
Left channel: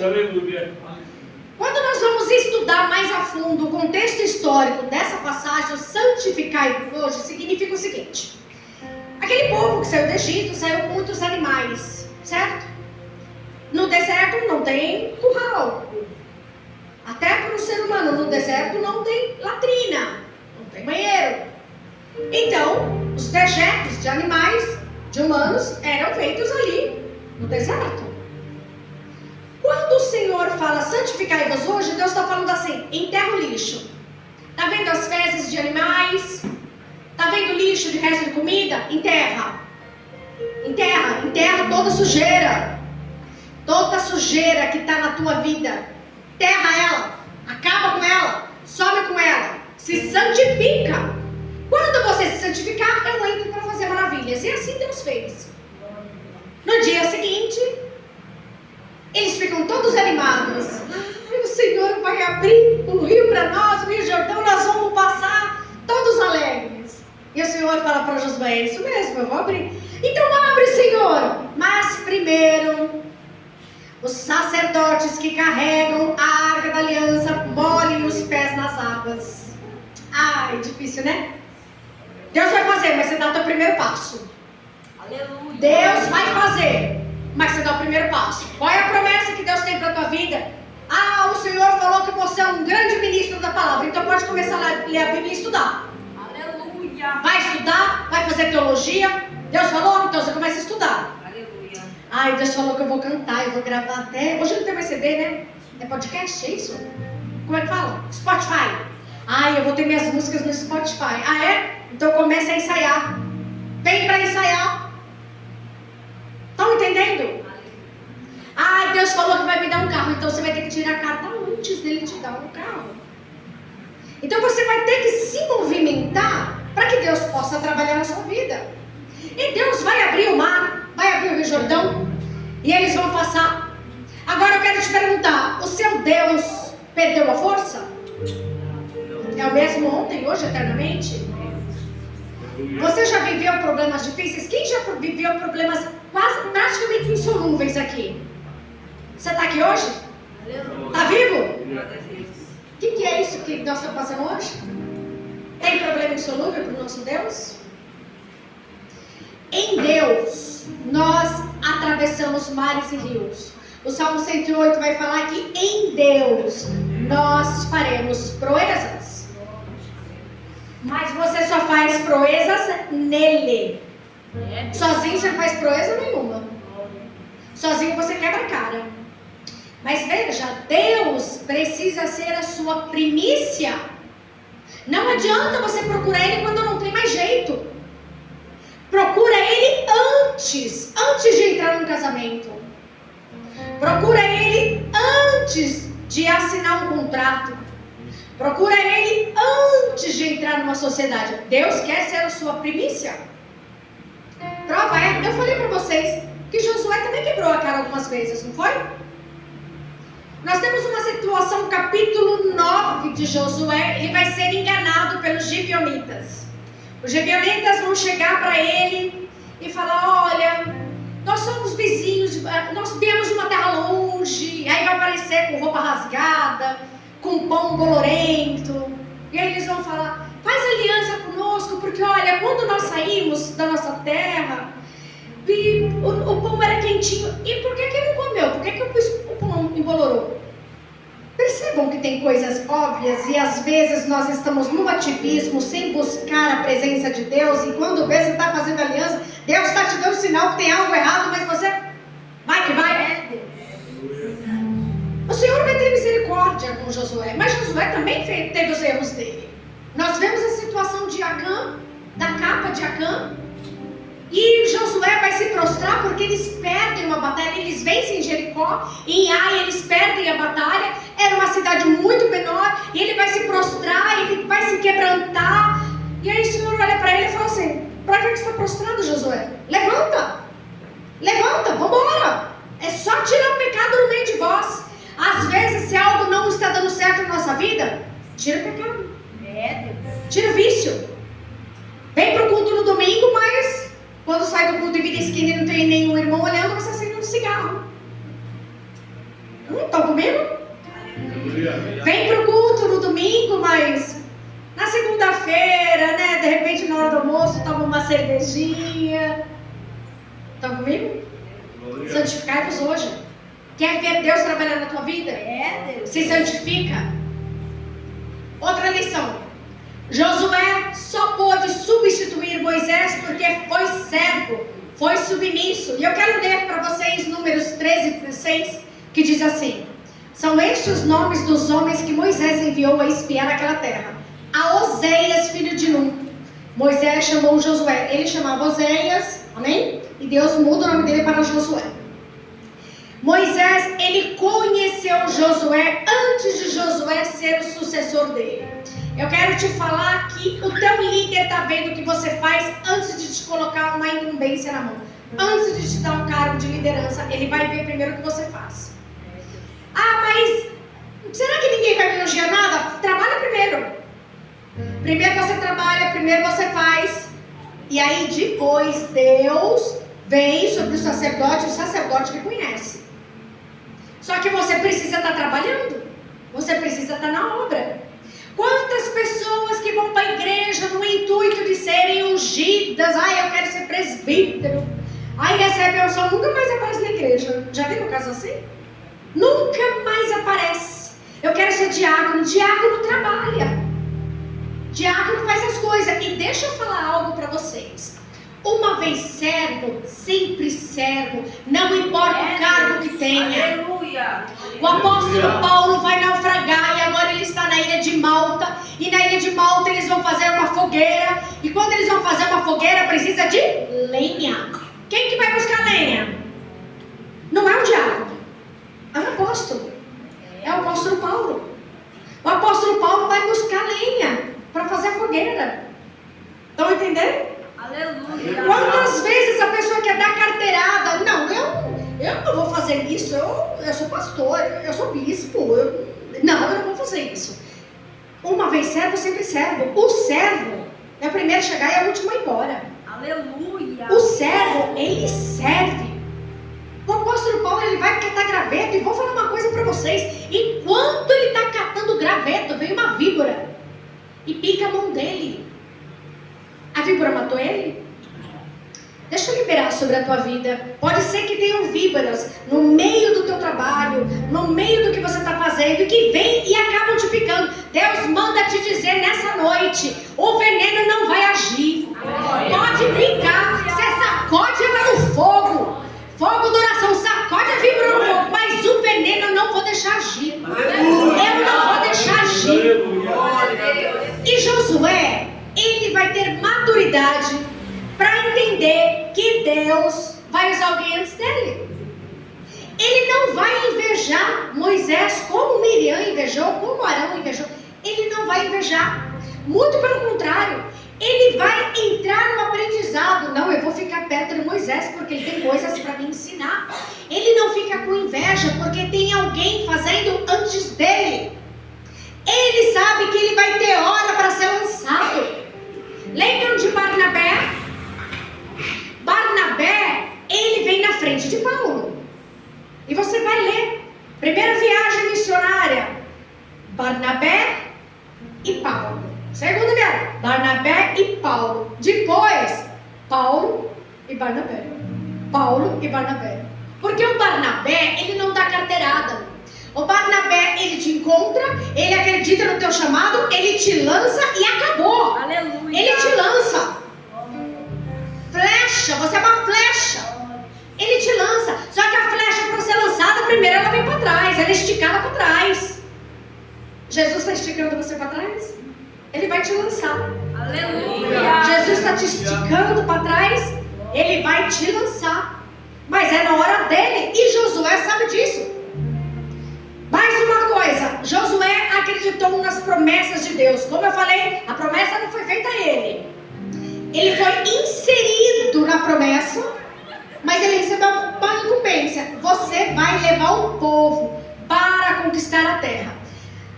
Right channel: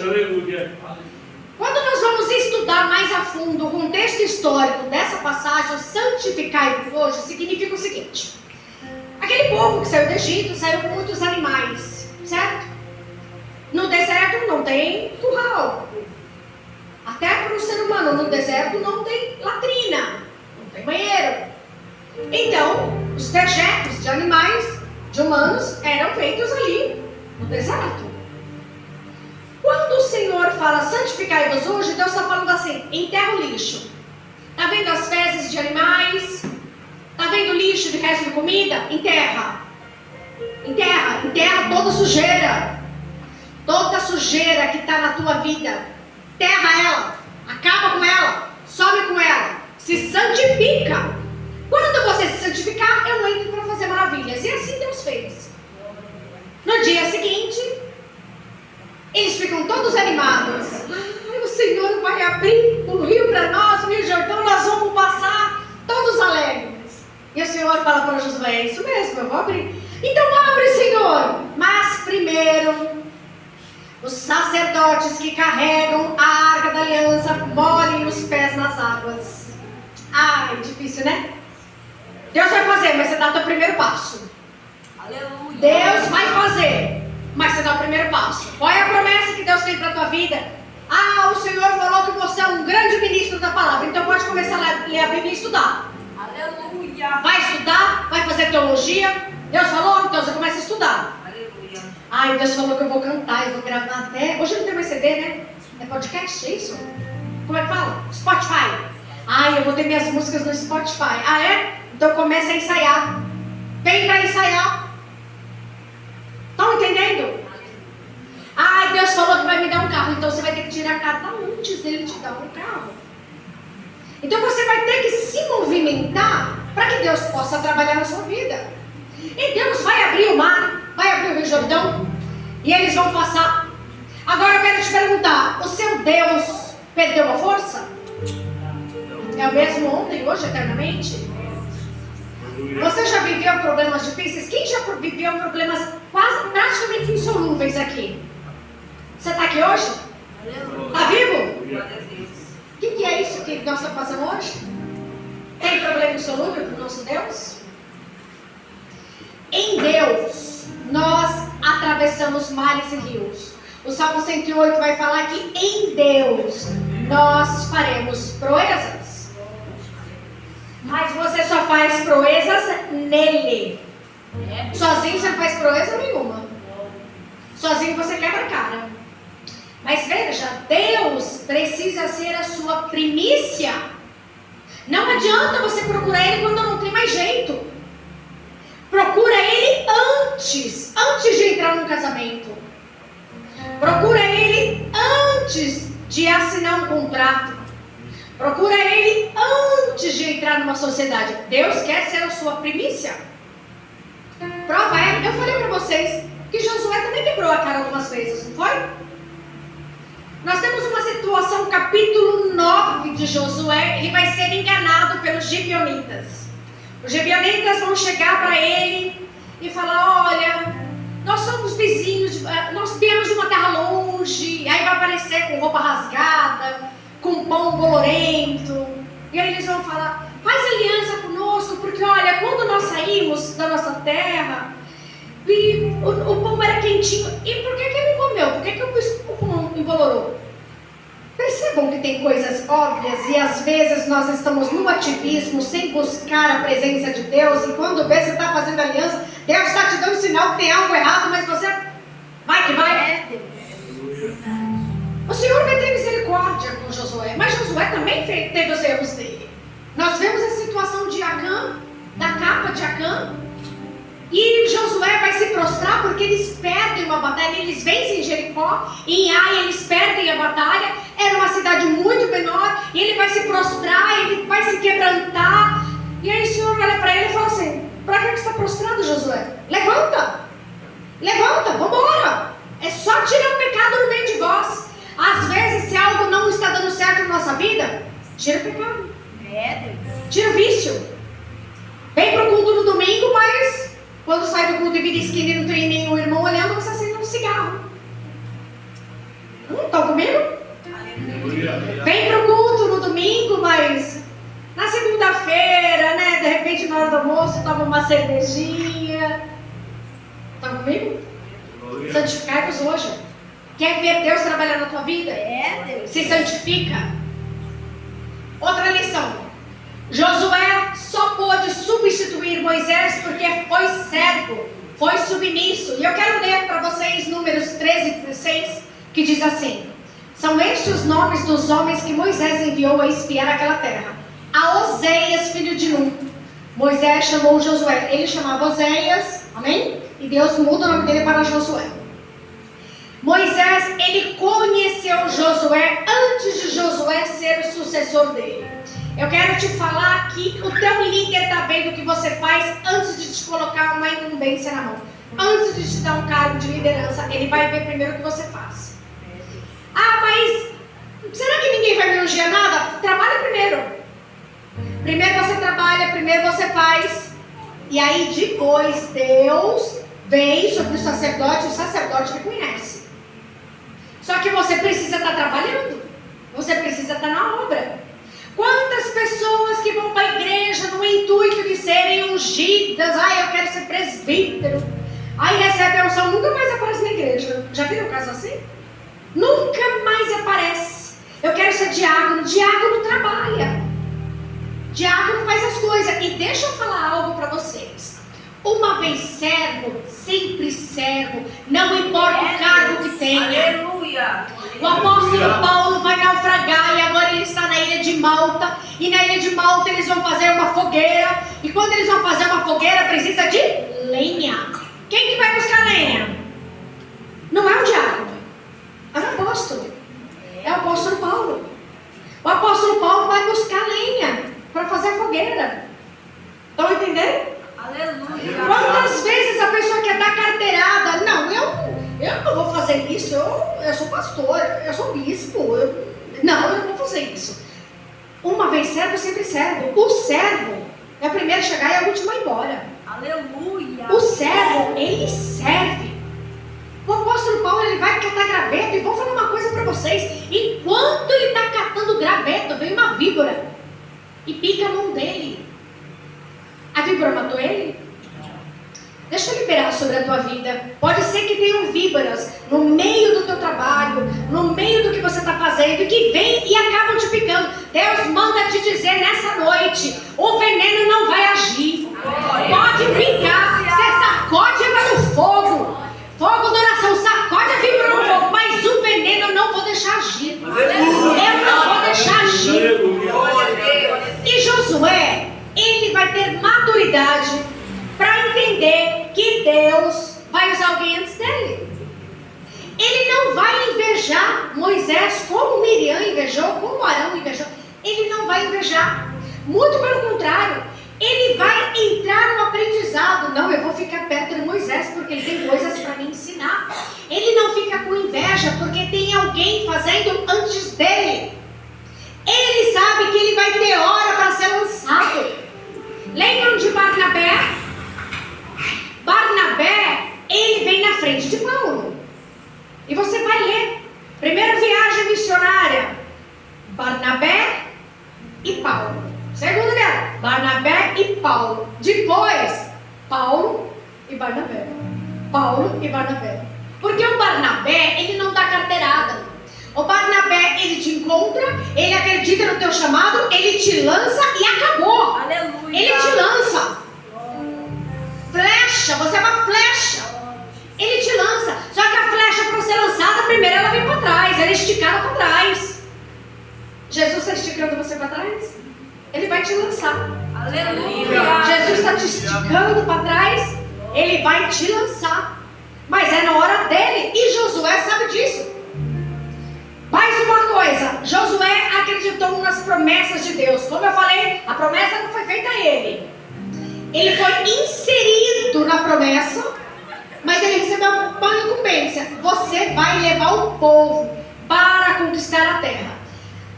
Quando nós vamos estudar mais a fundo o contexto histórico dessa passagem, santificai-vos hoje, significa o seguinte. Aquele povo que saiu do Egito, saiu com muitos animais, certo? No deserto não tem curral. Até para o ser humano, no deserto não tem latrina, não tem banheiro. Então, os dejetos de animais, de humanos, eram feitos ali, no deserto. Quando o Senhor fala, santificai-vos hoje, Deus está falando assim, enterra o lixo. Está vendo as fezes de animais? Está vendo o lixo de resto de comida? Enterra toda sujeira. Toda sujeira que está na tua vida, terra ela, acaba com ela, some com ela, se santifica. Quando você se santificar, eu entro para fazer maravilhas. E assim Deus fez. No dia seguinte, eles ficam todos animados. Ai, o Senhor vai abrir o rio para nós, o Rio Jordão, nós vamos passar todos alegres. E o Senhor fala para Josué, é isso mesmo, eu vou abrir. Então abre, Senhor. Mas primeiro, os sacerdotes que carregam a Arca da Aliança molhem os pés nas águas. Ai, difícil, né? Deus vai fazer, mas você dá o teu primeiro passo. Aleluia. Deus vai fazer, mas você dá o primeiro passo. Qual é a promessa que Deus tem para a tua vida? Ah, o Senhor falou que você é um grande ministro da palavra. Então pode começar a ler a Bíblia e estudar. Aleluia. Vai estudar, vai fazer teologia. Deus falou, então você começa a estudar. Aleluia. Ai, Deus falou que eu vou cantar, eu vou gravar até... Hoje não tem mais CD, né? É podcast, é isso? Como é que fala? Spotify. Ai, eu vou ter minhas músicas no Spotify. Ah, é? Então começa a ensaiar. Vem para ensaiar. Estão entendendo? Ai, Deus falou que vai me dar um carro, então você vai ter que tirar a carta antes dele te dar um carro. Então você vai ter que se movimentar para que Deus possa trabalhar na sua vida. E Deus vai abrir o mar, vai abrir o Rio Jordão, e eles vão passar. Agora eu quero te perguntar, o seu Deus perdeu a força? É o mesmo ontem, hoje, eternamente? Você já viveu problemas difíceis? Quem já viveu problemas quase praticamente insolúveis aqui? Você está aqui hoje? Está vivo? Glória a Deus. O que é isso que nós estamos passando hoje? Tem problema insolúvel para o nosso Deus? Em Deus, nós atravessamos mares e rios. O Salmo 108 vai falar que em Deus nós faremos proezas. Mas você só faz proezas nele. Sozinho você não faz proeza nenhuma. Sozinho você quebra a cara. Mas veja, Deus precisa ser a sua primícia. Não adianta você procurar Ele quando não tem mais jeito. Procura Ele antes de entrar num casamento. Procura Ele antes de assinar um contrato. Procura Ele antes de entrar numa sociedade. Deus quer ser a sua primícia. Prova é, eu falei para vocês que Josué também quebrou a cara algumas vezes, não foi? Nós temos uma situação, capítulo 9 de Josué, ele vai ser enganado pelos gibeonitas. Os gibeonitas vão chegar para ele e falar, olha, nós somos vizinhos, nós viemos de uma terra longe, aí vai aparecer com roupa rasgada, com pão bolorento, e aí eles vão falar, faz aliança conosco, porque olha, quando nós saímos da nossa terra, e o pão era quentinho, e por que ele não comeu? Por que o pão embolorou? Percebam que tem coisas óbvias e às vezes nós estamos no ativismo sem buscar a presença de Deus, e quando vê você está fazendo aliança, Deus está te dando sinal que tem algo errado, mas você vai que vai. O Senhor vai ter misericórdia com Josué, mas Josué também teve os erros dele. Nós vemos a situação de Acã, da capa de Acã, e Josué vai se prostrar porque eles perdem uma batalha, eles vencem Jericó, e em Ai eles perdem a batalha, era uma cidade muito menor, e ele vai se prostrar, ele vai se quebrantar, e aí o Senhor olha para ele e fala assim, para que você está prostrado, Josué? Levanta, vamos embora, é só tirar o pecado no meio de vós. Às vezes, se algo não está dando certo na nossa vida, tira o pecado, tira o vício. Vem para o culto no domingo, mas quando sai do culto e vira esquina e não tem nenhum irmão olhando, você acende um cigarro. Estão comigo? Vem para o culto no domingo, mas na segunda-feira, né, de repente na hora do almoço, toma uma cervejinha. Estão comigo? Santificai-vos hoje. Quer ver Deus trabalhar na tua vida? Deus. Se santifica. Outra lição. Josué só pôde substituir Moisés porque foi servo, foi submisso. E eu quero ler para vocês Números 13 e 16, que diz assim: são estes os nomes dos homens que Moisés enviou a espiar aquela terra. A Oséias, filho de Num. Moisés chamou Josué. Ele chamava Oséias, amém? E Deus muda o nome dele para Josué. Moisés, ele conheceu Josué antes de Josué ser o sucessor dele. Eu quero te falar que o teu líder está vendo o que você faz antes de te colocar uma incumbência na mão. Antes de te dar um cargo de liderança, ele vai ver primeiro o que você faz. Ah, mas será que ninguém vai me elogiar nada? Trabalha primeiro. Primeiro você trabalha, primeiro você faz. E aí depois Deus vem sobre o sacerdote reconhece. Só que você precisa estar trabalhando. Você precisa estar na obra. Quantas pessoas que vão para a igreja no intuito de serem ungidas, eu quero ser presbítero, aí recebe a unção, nunca mais aparece na igreja. Já viram um caso assim? Nunca mais aparece. Eu quero ser diácono. Diácono trabalha. Diácono faz as coisas. E deixa eu falar algo para vocês. Uma vez servo, sempre servo. Não importa o cargo que tenha. Aleluia. O apóstolo Paulo vai naufragar e agora ele está na ilha de Malta. E na ilha de Malta eles vão fazer uma fogueira. E quando eles vão fazer uma fogueira precisa de lenha. Quem que vai buscar lenha? Não é o diácono. É o apóstolo. É o apóstolo Paulo. O apóstolo Paulo vai buscar lenha para fazer a fogueira. Estão entendendo? Aleluia. Quantas vezes a pessoa quer dar carteirada? Não, eu não vou fazer isso. Eu sou pastor, eu sou bispo. Eu não vou fazer isso. Uma vez servo, sempre servo. O servo é o primeiro a chegar e é o último a ir embora. Aleluia. O servo, ele serve. O apóstolo Paulo, ele vai catar graveto. E vou falar uma coisa para vocês. Enquanto ele está catando graveto, vem uma víbora e pica a mão dele. A víbora matou ele? Deixa eu liberar sobre a tua vida. Pode ser que tenham víboras no meio do teu trabalho, no meio do que você está fazendo, que vem e acabam te picando. Deus manda te dizer nessa noite: o veneno não vai agir. Pode picar. Você sacode ela no fogo. Fogo da oração, sacode a víbora no fogo. Mas o veneno eu não vou deixar agir. Eu não vou deixar agir. E Josué, ele vai ter maturidade para entender que Deus vai usar alguém antes dele. Ele não vai invejar Moisés como Miriam invejou, como Arão invejou. Ele não vai invejar. Muito pelo contrário, ele vai entrar no aprendizado. Não, eu vou ficar perto de Moisés porque ele tem coisas para me ensinar. Ele não fica com inveja porque tem alguém fazendo antes dele. Ele sabe que ele vai ter hora para ser lançado. Lembram de Barnabé? Barnabé, ele vem na frente de Paulo. E você vai ler. Primeira viagem missionária, Barnabé e Paulo. Segunda viagem, Barnabé e Paulo. Depois, Paulo e Barnabé. Paulo e Barnabé. Porque o Barnabé, ele não dá carteirada. O Barnabé, ele te encontra, ele acredita no teu chamado, ele te lança e acabou. Aleluia. Ele te lança. Flecha, você é uma flecha. Ele te lança. Só que a flecha, para ser lançada, primeiro ela vem para trás, ela é esticada para trás. Jesus está esticando você para trás? Ele vai te lançar. Aleluia. Jesus está te esticando para trás, ele vai te lançar. Mas é na hora dele, e Josué sabe disso. Mais uma coisa, Josué acreditou nas promessas de Deus. Como eu falei, a promessa não foi feita a ele. Ele foi inserido na promessa, mas ele recebeu uma incumbência. Você vai levar o povo para conquistar a terra.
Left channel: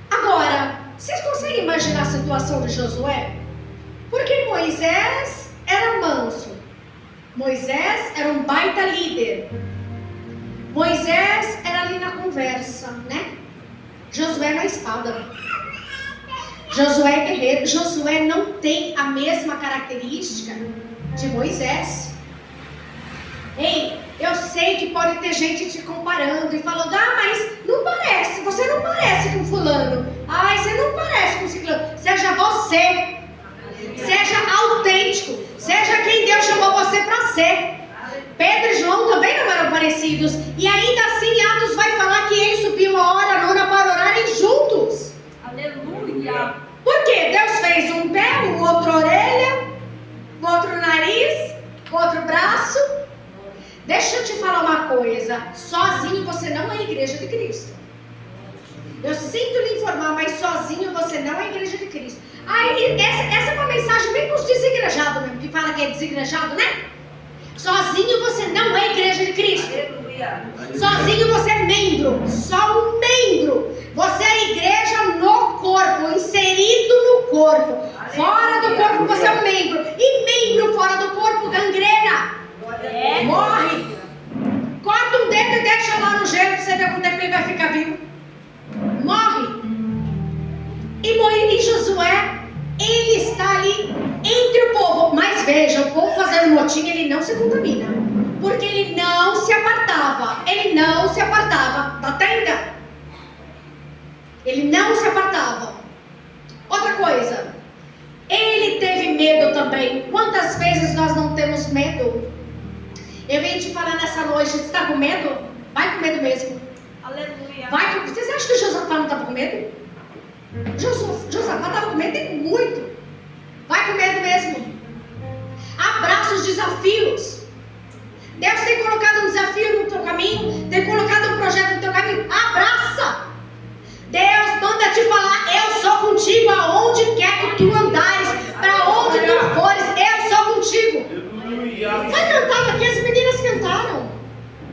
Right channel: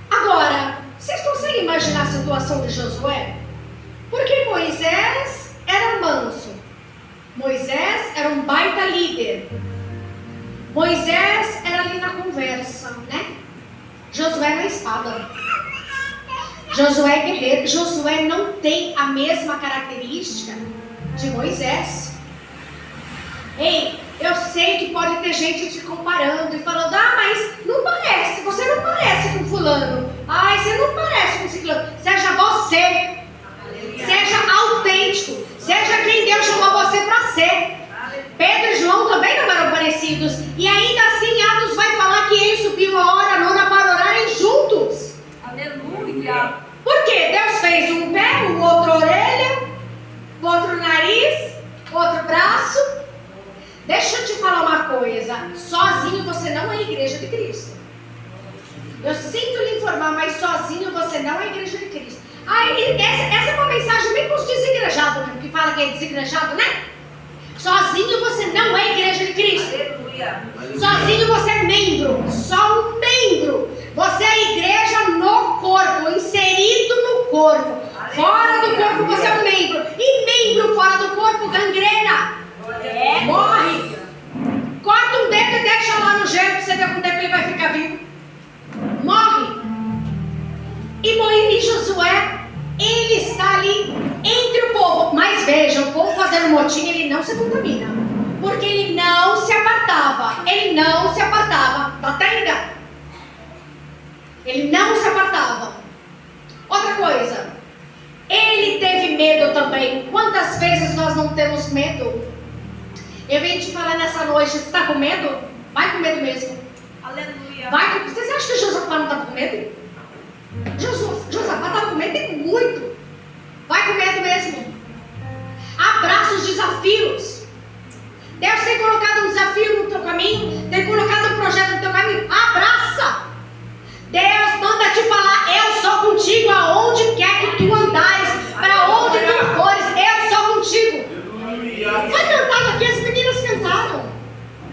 Agora, vocês conseguem imaginar a situação de Josué? Porque Moisés era manso. Moisés era um baita líder. Moisés era ali na conversa, né? Josué na espada. Josué é guerreiro. Josué não tem a mesma característica de Moisés. Ei, eu sei que pode ter gente te comparando e falando: mas não parece, você não parece com fulano. Você não parece com ciclano. Seja você. Seja autêntico. Seja quem Deus chamou você para ser. Pedro e João também não eram parecidos. E ainda assim Atos vai falar que eles subiam a hora nona para orarem juntos. Aleluia. Por quê? Deus fez um pé, o outro orelha, o outro nariz, o outro braço. Deixa eu te falar uma coisa. Sozinho você não é igreja de Cristo. Eu sinto lhe informar, mas sozinho você não é igreja de Cristo. Essa é uma mensagem bem para os desigrejados, né? Que fala que é desigrejado, né? Sozinho você não é igreja de Cristo. Sozinho você é membro. Só um membro. Você é a igreja no corpo, inserido no corpo. Fora do corpo você é um membro. E membro fora do corpo, gangrena. Morre. Corta um dedo e deixa lá no gelo para você ver quanto tempo ele vai ficar vivo. Morre. E Josué, ele está ali entre o povo. Mas veja, o povo fazendo motim, ele não se contamina. Porque ele não se apartava. Ele não se apartava da tenda. Ele não se apartava. Outra coisa, ele teve medo também. Quantas vezes nós não temos medo? Eu venho te falar nessa noite, você está com medo? Vai com medo mesmo. Aleluia. Vocês acham que Josafá não estava com medo? Josafá estava com medo e muito. Vai com medo mesmo. Abraça os desafios. Deus tem colocado um desafio no teu caminho, tem colocado um projeto no teu caminho. Abraça. Deus manda te falar: eu sou contigo aonde quer que tu andares, para onde tu fores, eu sou contigo. Foi cantado aqui, as meninas cantaram.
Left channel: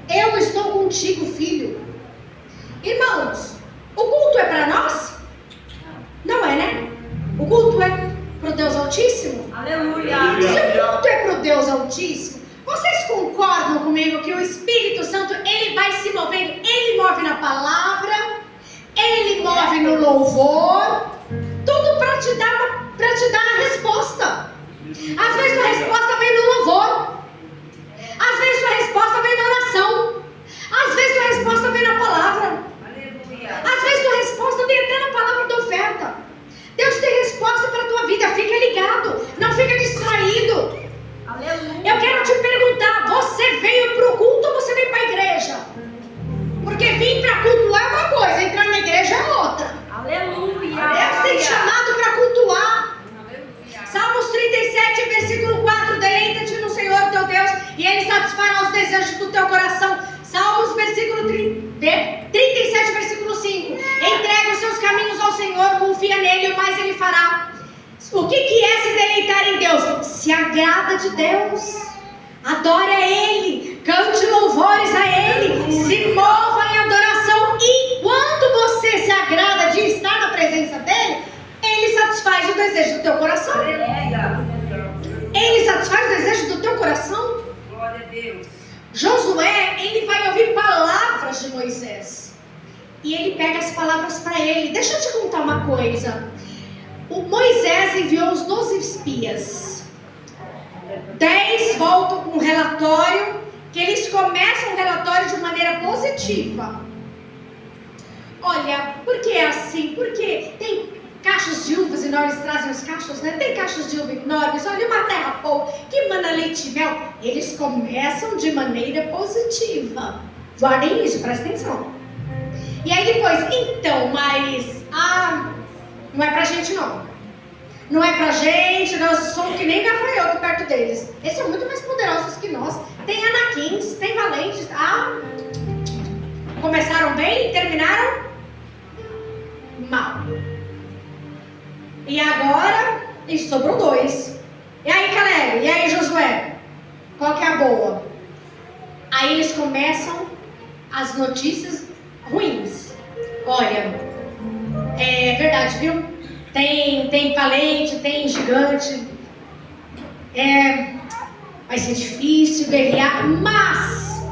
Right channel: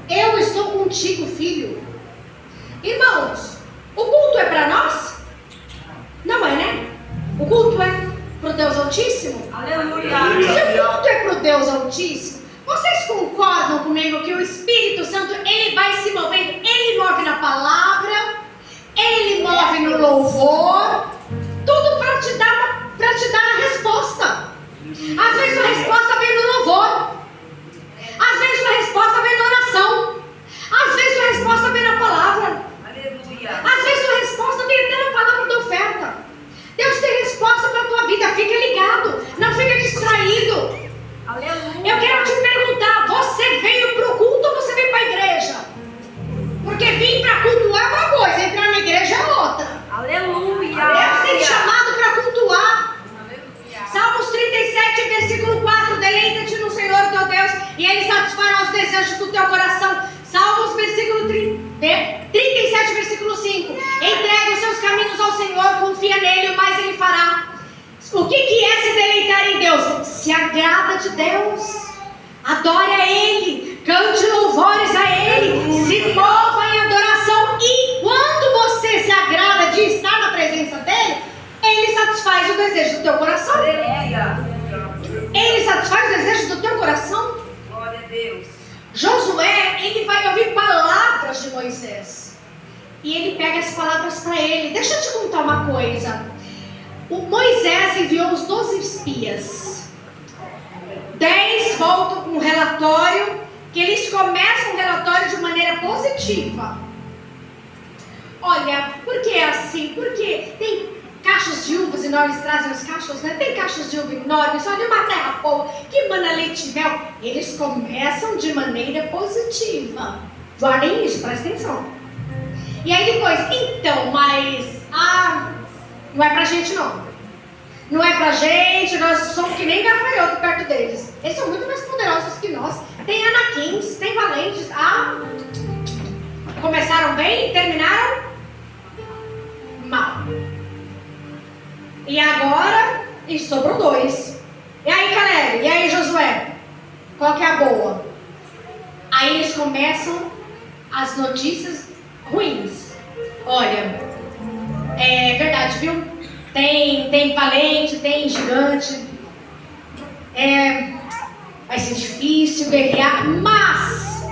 Eu estou contigo, filho. Irmãos, o culto é para nós? Não é, né? O culto é para o Deus Altíssimo? Aleluia. Se o culto é para o Deus Altíssimo, vocês concordam comigo que o Espírito Santo, ele vai se movendo, ele move na palavra, ele move no louvor, tudo para te dar a resposta. Às vezes a resposta vem no louvor, às vezes a resposta vem na oração, às vezes a resposta vem na palavra, às vezes a resposta vem até na palavra da oferta. Deus tem resposta para a tua vida, fica ligado, não fica distraído. Aleluia. Eu quero te perguntar, você veio para o culto ou você veio para a igreja? Porque vir para cultuar é uma coisa, entrar na igreja é outra. Aleluia. Deus tem te chamado para cultuar. Salmos 37, versículo 4, deleita-te no Senhor teu Deus e Ele satisfará os desejos do teu coração. Salmos, versículo 37, versículo 5, entrega os seus caminhos ao Senhor, confia nele, o mais Ele fará. O que é se deleitar em Deus? Se agrada de Deus, adore a Ele, cante louvores a Ele, se mova em adoração. E quando você se agrada de estar na presença dEle, Ele satisfaz o desejo do teu coração. Ele satisfaz o desejo do teu coração. Glória a Deus. Josué, ele vai ouvir palavras de Moisés. E ele pega as palavras para ele. Deixa eu te contar uma coisa. O Moisés enviou os 12 espias. 10 voltam com um relatório, que eles começam o relatório de maneira positiva. Olha, por que é assim? Porque tem caixas de uvas enormes, trazem os cachos, né? Tem caixas de uva enormes, olha uma terra boa, que mana leite e mel. Eles começam de maneira positiva. Guardem isso, presta atenção. E aí depois, então, mas não é pra gente não. Não é pra gente, nós somos que nem gafanhoto perto deles. Eles são muito mais poderosos que nós. Tem anaquins, tem valentes. Começaram bem e terminaram mal. E agora, sobrou 2. E aí, Caleb? E aí, Josué? Qual que é a boa? Aí eles começam as notícias ruins. Olha, é verdade, viu? Tem valente, tem gigante. Vai ser difícil guerrear, mas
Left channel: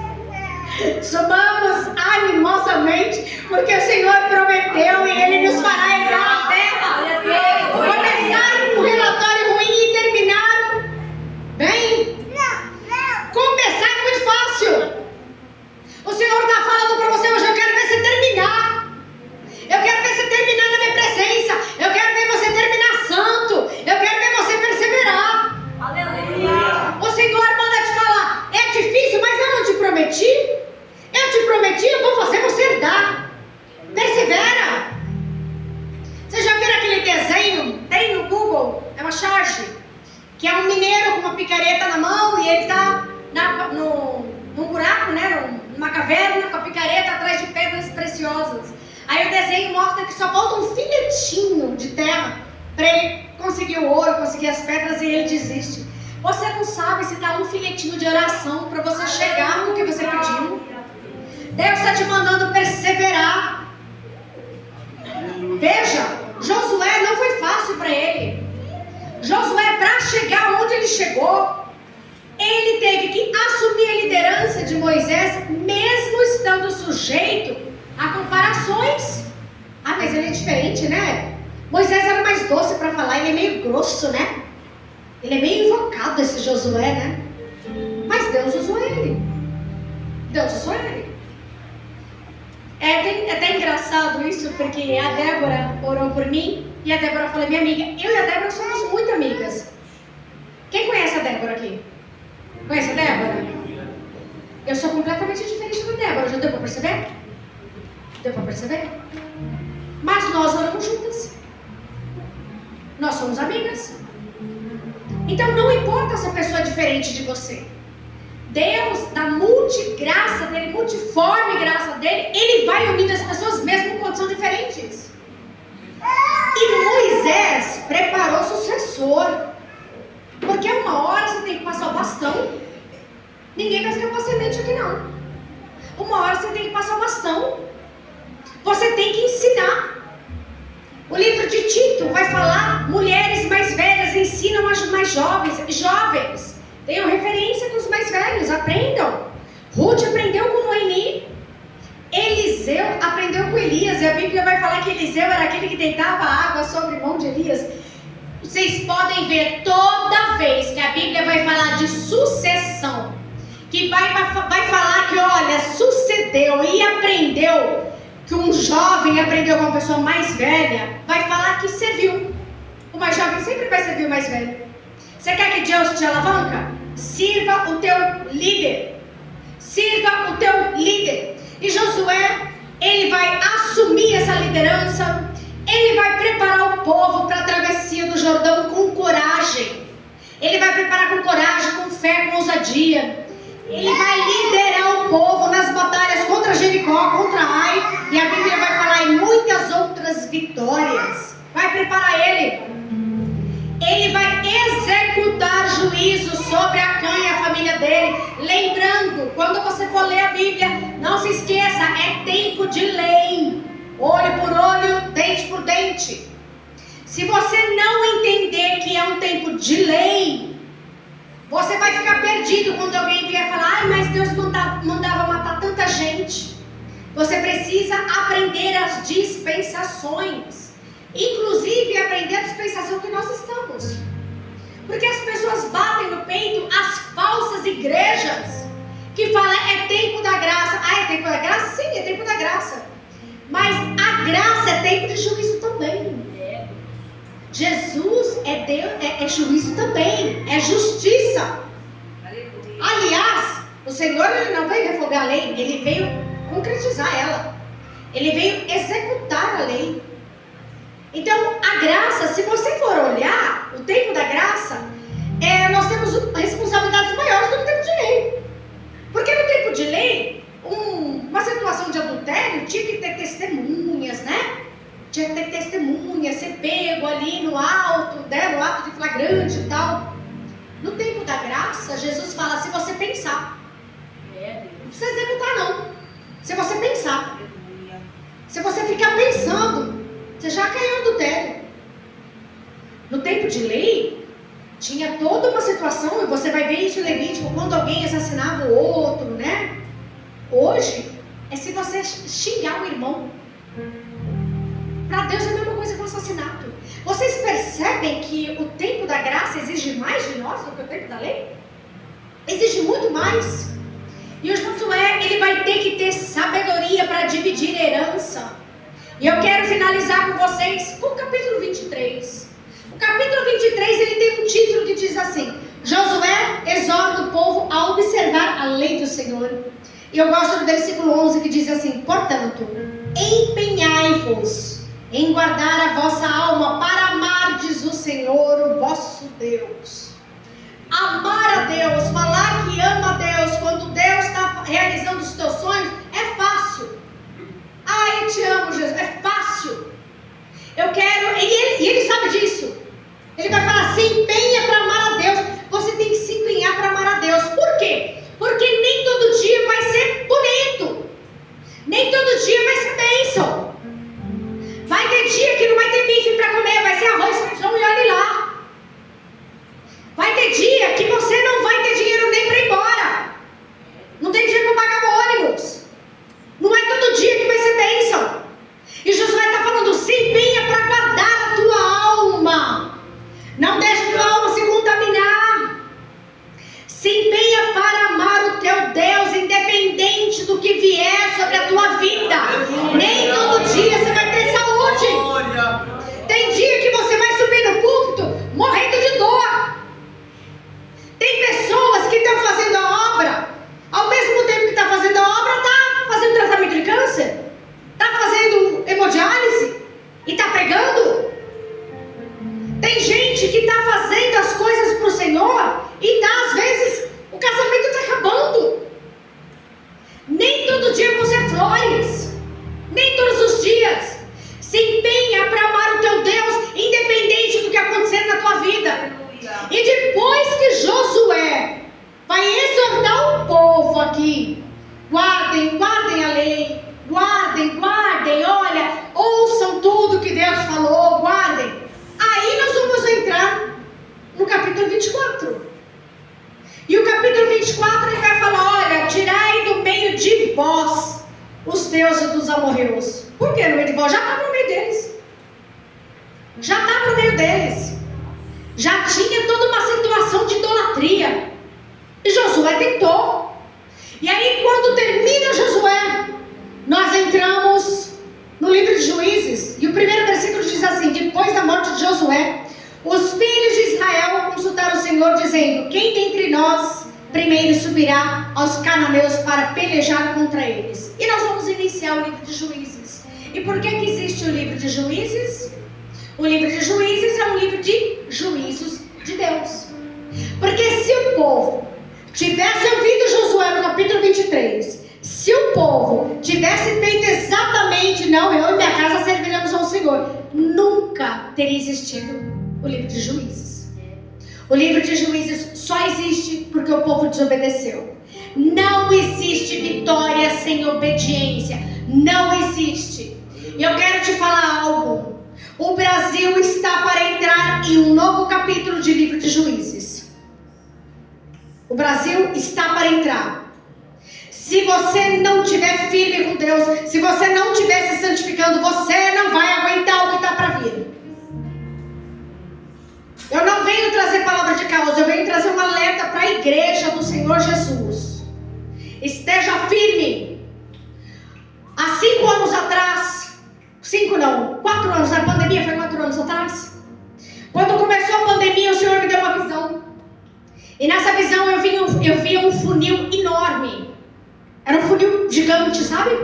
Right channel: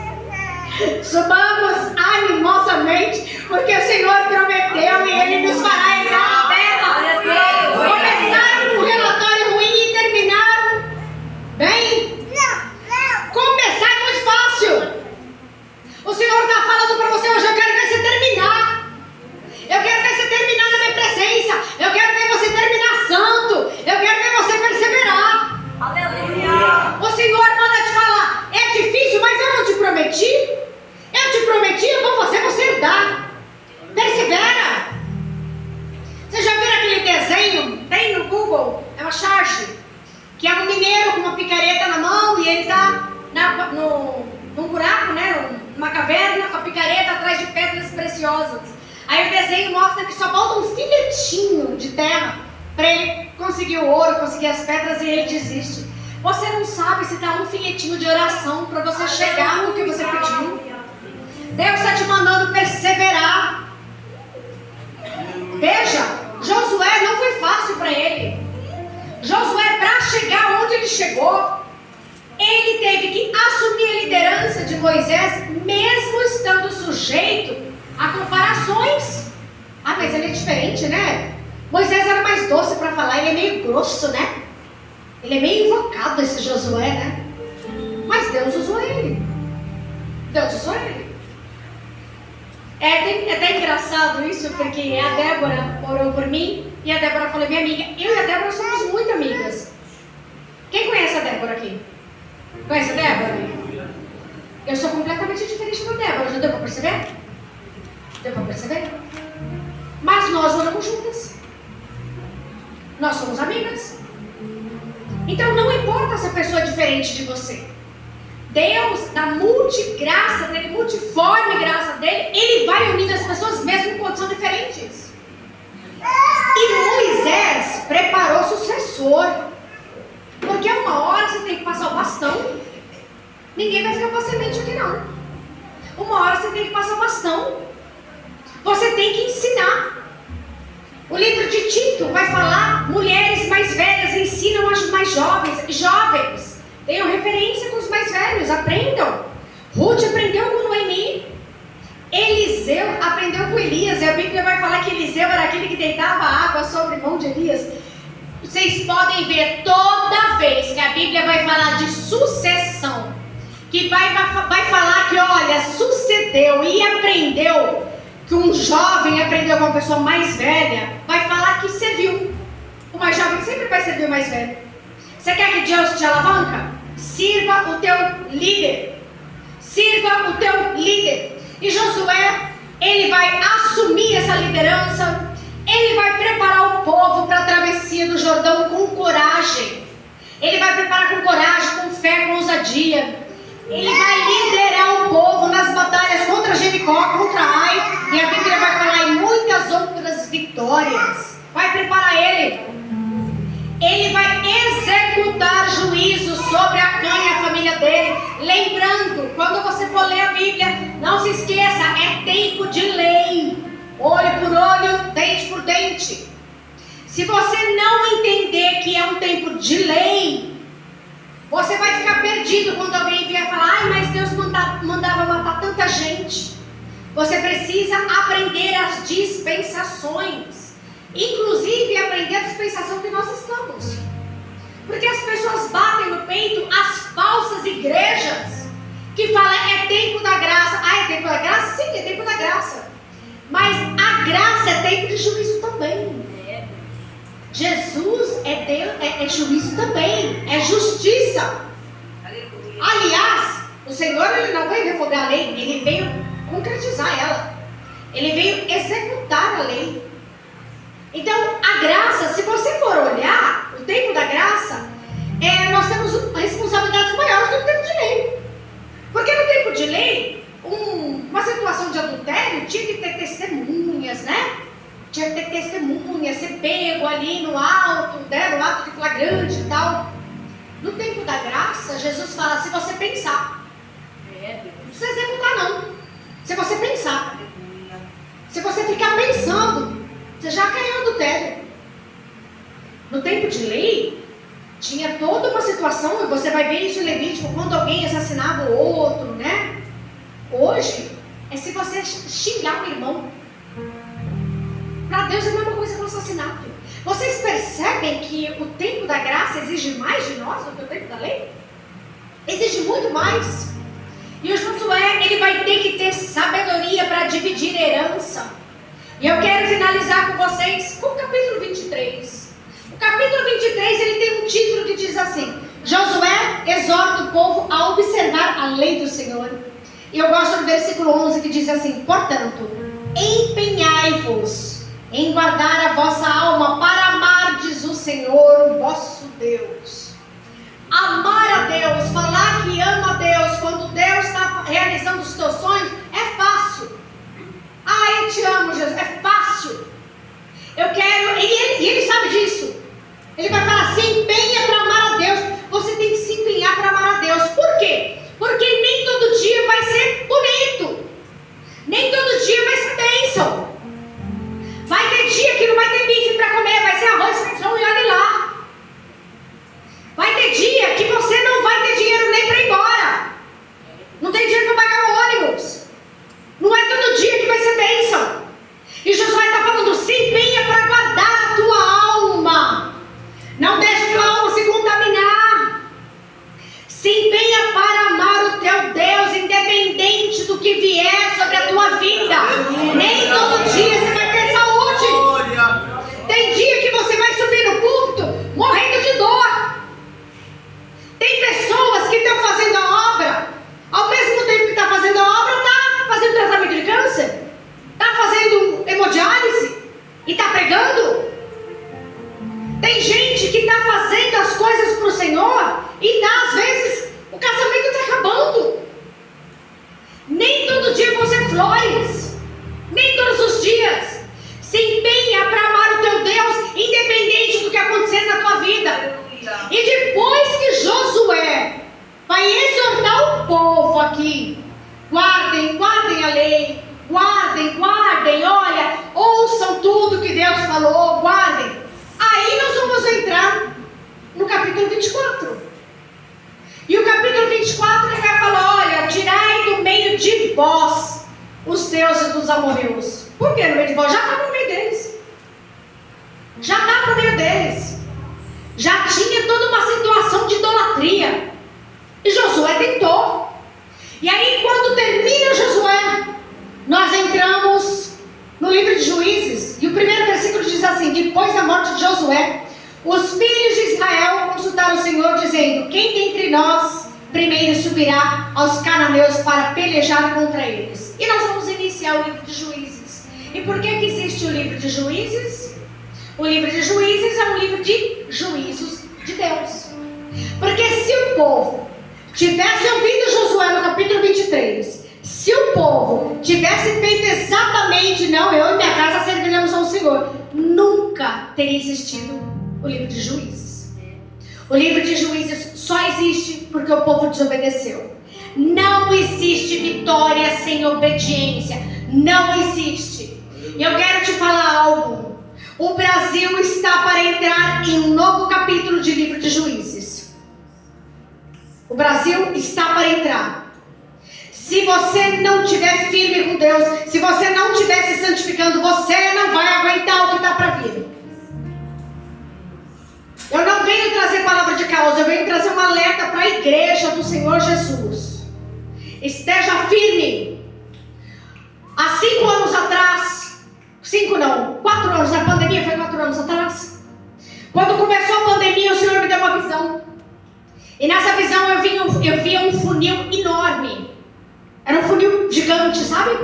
subamos animosamente, porque o Senhor prometeu e Ele nos fará entrar na terra. Começaram com um relatório ruim e terminaram bem. Começar é muito fácil. O Senhor está falando para você hoje: eu quero ver você terminar. Eu quero ver você terminar na minha presença. Eu quero ver você terminar santo. Eu quero ver você perseverar. Aleluia. O Senhor manda te falar: é difícil, mas eu não te prometi. Eu te prometi, eu vou fazer você herdar. Persevera. Você já viu aquele desenho? Tem no Google, é uma charge, que é um mineiro com uma picareta na mão e ele está num buraco, né? Uma caverna com a picareta atrás de pedras preciosas. Aí o desenho mostra que só falta um filetinho de terra para ele conseguir o ouro, conseguir as pedras, e ele desiste. Você não sabe se dá um filetinho de oração para você chegar no que você pediu. Deus está te mandando perseverar. Veja, Josué não foi fácil para ele. Josué, para chegar onde ele chegou, ele teve que assumir a liderança de Moisés, mesmo estando sujeito a comparações. Ah, mas ele é diferente, né? Moisés era mais doce para falar, ele é meio grosso, né? Ele é meio invocado, esse Josué, né? Mas Deus usou ele. Deus usou ele. É até engraçado isso, porque a Débora orou por mim, e a Débora falou, minha amiga, eu e a Débora somos muito amigas. Quem conhece a Débora aqui? Conhece a Débora? Eu sou completamente diferente da Débora, já deu para perceber? Deu para perceber? Mas nós oramos juntas. Nós somos amigas. Então não importa se a pessoa é diferente de você. Deus, da multigraça dele, multiforme graça dele, ele vai unindo as pessoas mesmo quando são diferentes. E Moisés preparou sucessor. Porque uma hora você tem que passar o bastão. Ninguém vai escapar semente aqui não. Uma hora você tem que passar o bastão. Você tem que ensinar. O livro de Tito vai falar, mulheres mais velhas ensinam as mais jovens. Jovens, tenham referência com os mais velhos, aprendam. Ruth aprendeu com Noemi. Eliseu aprendeu com Elias. E a Bíblia vai falar que Eliseu era aquele que deitava água sobre a mão de Elias. Vocês podem ver toda vez que a Bíblia vai falar de sucessão, que vai falar que, olha, sucedeu e aprendeu, que um jovem aprendeu com uma pessoa mais velha, vai falar que serviu. O mais jovem sempre vai servir o mais velho. Você quer que Deus te alavanca? Sirva o teu líder. Sirva o teu líder. E Josué, ele vai assumir essa liderança. Ele vai preparar o povo para a travessia do Jordão com coragem. Ele vai preparar com coragem, com fé, com ousadia. Ele vai liderar o povo nas batalhas contra Jericó, contra Ai. E a Bíblia vai falar em muitas outras vitórias. Vai preparar ele. Ele vai executar juízo sobre Acã e a família dele. Lembrando, quando você for ler a Bíblia, não se esqueça, é tempo de lei. Olho por olho, dente por dente. Se você não entender que é um tempo de lei, você vai ficar perdido quando alguém vier falar, ai, mas Deus mandava matar tanta gente. Você precisa aprender as dispensações. Inclusive aprender a dispensação que nós estamos. Porque as pessoas batem no peito as falsas igrejas que falam, é tempo da graça. Ah, é tempo da graça? Sim, é tempo da graça. Mas a graça é tempo de juízo também. Jesus é Deus, é juízo também, é justiça. Aliás, o Senhor ele não veio revogar a lei, ele veio concretizar ela. Ele veio executar a lei. Então, a graça, se você for olhar o tempo da graça, nós temos responsabilidades maiores do que o tempo de lei. Porque no tempo de lei, uma situação de adultério tinha que ter testemunhas, né? Tinha que ter testemunhas, ser pego ali no alto, né? No ato de flagrante e tal. No tempo da graça, Jesus fala, se você pensar, não precisa executar não. Se você pensar, se você ficar pensando, você já caiu no adultério. No tempo de lei, tinha toda uma situação, e você vai ver isso em Levítico, quando alguém assassinava o outro, né? Hoje, é se você xingar o irmão. Para Deus é a mesma coisa que o assassinato. Vocês percebem que o tempo da graça exige mais de nós do que o tempo da lei? Exige muito mais. E o Josué, ele vai ter que ter sabedoria para dividir herança. E eu quero finalizar com vocês com o capítulo 23. O capítulo 23, ele tem um título que diz assim, Josué exorta o povo a observar a lei do Senhor. E eu gosto do versículo 11 que diz assim, portanto, empenhai-vos em guardar a vossa alma para amardes o Senhor, o vosso Deus. Amar a Deus, falar que ama a Deus, quando Deus está e ele sabe disso. Ele vai falar, se empenha para amar a Deus. Você tem que se empenhar para amar a Deus. Por quê? Porque nem todo dia vai ser bonito. Nem todo dia vai ser bênção. Vai ter dia que não vai ter bife para comer, vai ser arroz, feijão e olhe lá. Vai ter dia que você não vai ter dinheiro nem para ir embora. Não tem dinheiro para pagar o ônibus. Não é todo dia que vai ser bênção. E Josué está falando, se empenha para guardar a tua alma. Não deixe a tua alma se contaminar. Se empenha para amar o teu Deus, independente do que vier sobre a tua vida. Nem todo dia você vai ter saúde. Tem dia que você vai subir no púlpito morrendo de dor. Tem pessoas que estão fazendo a obra, ao mesmo tempo que está fazendo a obra, está fazendo tratamento de câncer, está fazendo hemodiálise e está pregando. Tem gente que está fazendo as coisas para o Senhor e às vezes o casamento está acabando. Nem todo dia vão ser flores, nem todos os dias. Se empenha para amar o teu Deus, independente do que acontecer na tua vida. E depois que Josué vai exortar o povo aqui, guardem a lei, guardem, olha, ouçam tudo que Deus falou, guardem. Aí nós vamos entrar no capítulo 24. E o capítulo 24 ele vai falar, olha, tirai do meio de vós os deuses dos amorreus. Por que no meio de vós? Já estava no meio deles. Já estava no meio deles. Já tinha toda uma situação de idolatria. E Josué tentou. E aí quando termina Josué, nós entramos no livro de Juízes. E o primeiro versículo diz assim, depois da morte de Josué, os filhos de Israel consultaram o Senhor, dizendo, quem dentre nós primeiro subirá aos cananeus para pelejar contra eles? E nós vamos iniciar o livro de Juízes. E por que existe o livro de Juízes? O livro de Juízes é um livro de juízos de Deus. Porque se o povo tivesse ouvido Josué no capítulo 23, se o povo tivesse feito exatamente, não, eu e minha casa serviremos ao Senhor, nunca teria existido o livro de Juízes. O livro de Juízes só existe porque o povo desobedeceu. Não existe vitória sem obediência. Não existe. E eu quero te falar algo. O Brasil está para entrar em um novo capítulo de livro de Juízes. O Brasil está para entrar. Se você não estiver firme com Deus, se você não estiver se santificando, você não vai aguentar o que está para vir. Eu não venho trazer palavra de causa, eu venho trazer um alerta para a igreja do Senhor Jesus. Esteja firme. Há 5 anos atrás, 4 anos, a pandemia foi 4 anos atrás. Quando começou a pandemia, o Senhor me deu uma visão. E nessa visão eu via um funil enorme. Era um funil gigante, sabe?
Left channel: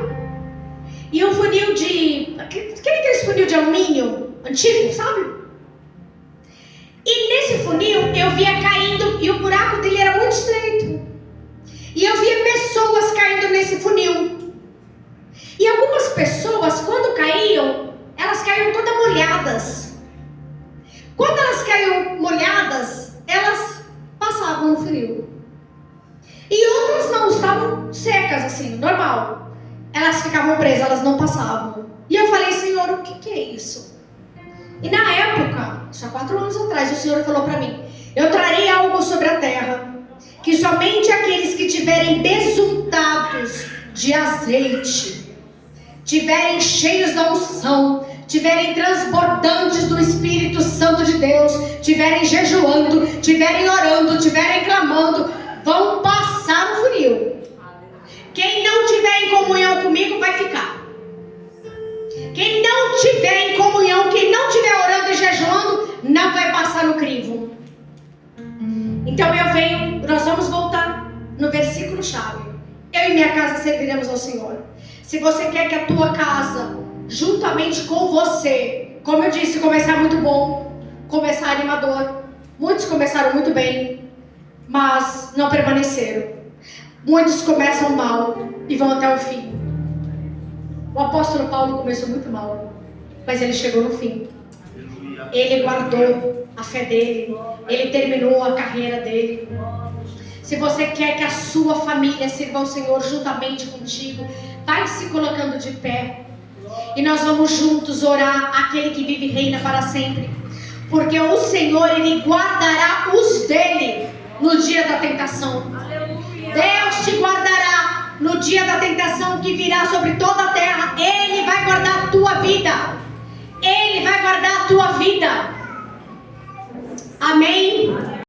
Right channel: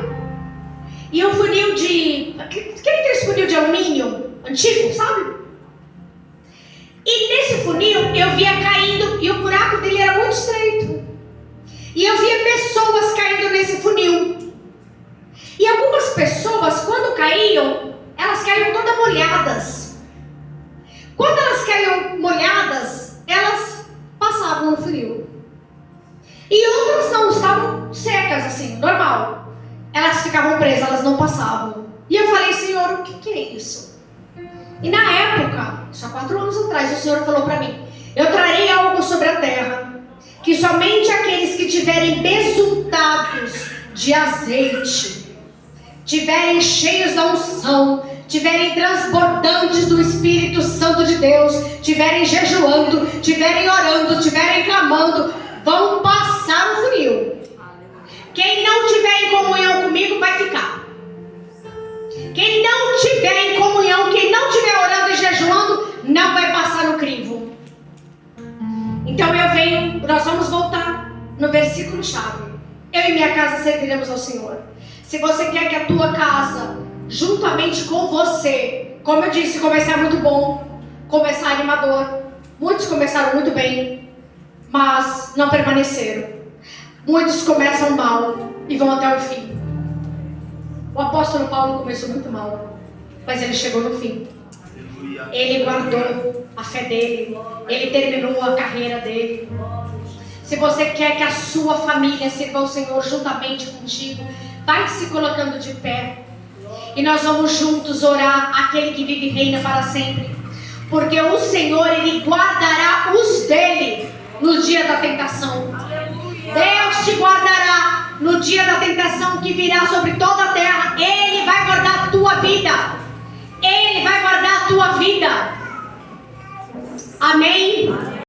E um funil de... Aquele funil de alumínio antigo, sabe? E nesse funil eu via caindo, e o buraco dele era muito estreito. E eu via pessoas caindo nesse funil. E algumas pessoas, quando caíam, elas caíam todas molhadas. Quando elas caíam molhadas, elas passavam no funil. E outras não, estavam secas assim, normal. Elas ficavam presas, elas não passavam. E eu falei, Senhor, o que é isso? E na época, só 4 anos atrás, o Senhor falou para mim, eu trarei algo sobre a terra, que somente aqueles que tiverem besuntados de azeite, tiverem cheios da unção, tiverem transbordantes do Espírito Santo de Deus, tiverem jejuando, tiverem orando, tiverem clamando, vão passar no funil. Quem não tiver em comunhão comigo vai ficar. Quem não tiver em comunhão, quem não tiver orando e jejuando, não vai passar no crivo. Então nós vamos voltar no versículo chave. Eu e minha casa serviremos ao Senhor. Se você quer que a tua casa, juntamente com você, como eu disse, começar muito bom, começar animador. Muitos começaram muito bem, mas não permaneceram. Muitos começam mal e vão até o fim. O apóstolo Paulo começou muito mal, mas ele chegou no fim. Ele guardou a fé dele. Ele terminou a carreira dele. Se você quer que a sua família sirva ao Senhor juntamente contigo, vai se colocando de pé. E nós vamos juntos orar aquele que vive e reina para sempre. Porque o Senhor, Ele guardará os dele no dia da tentação. Deus te guardará no dia da tentação que virá sobre toda a terra. Ele vai guardar a tua vida. Ele vai guardar a tua vida. Amém?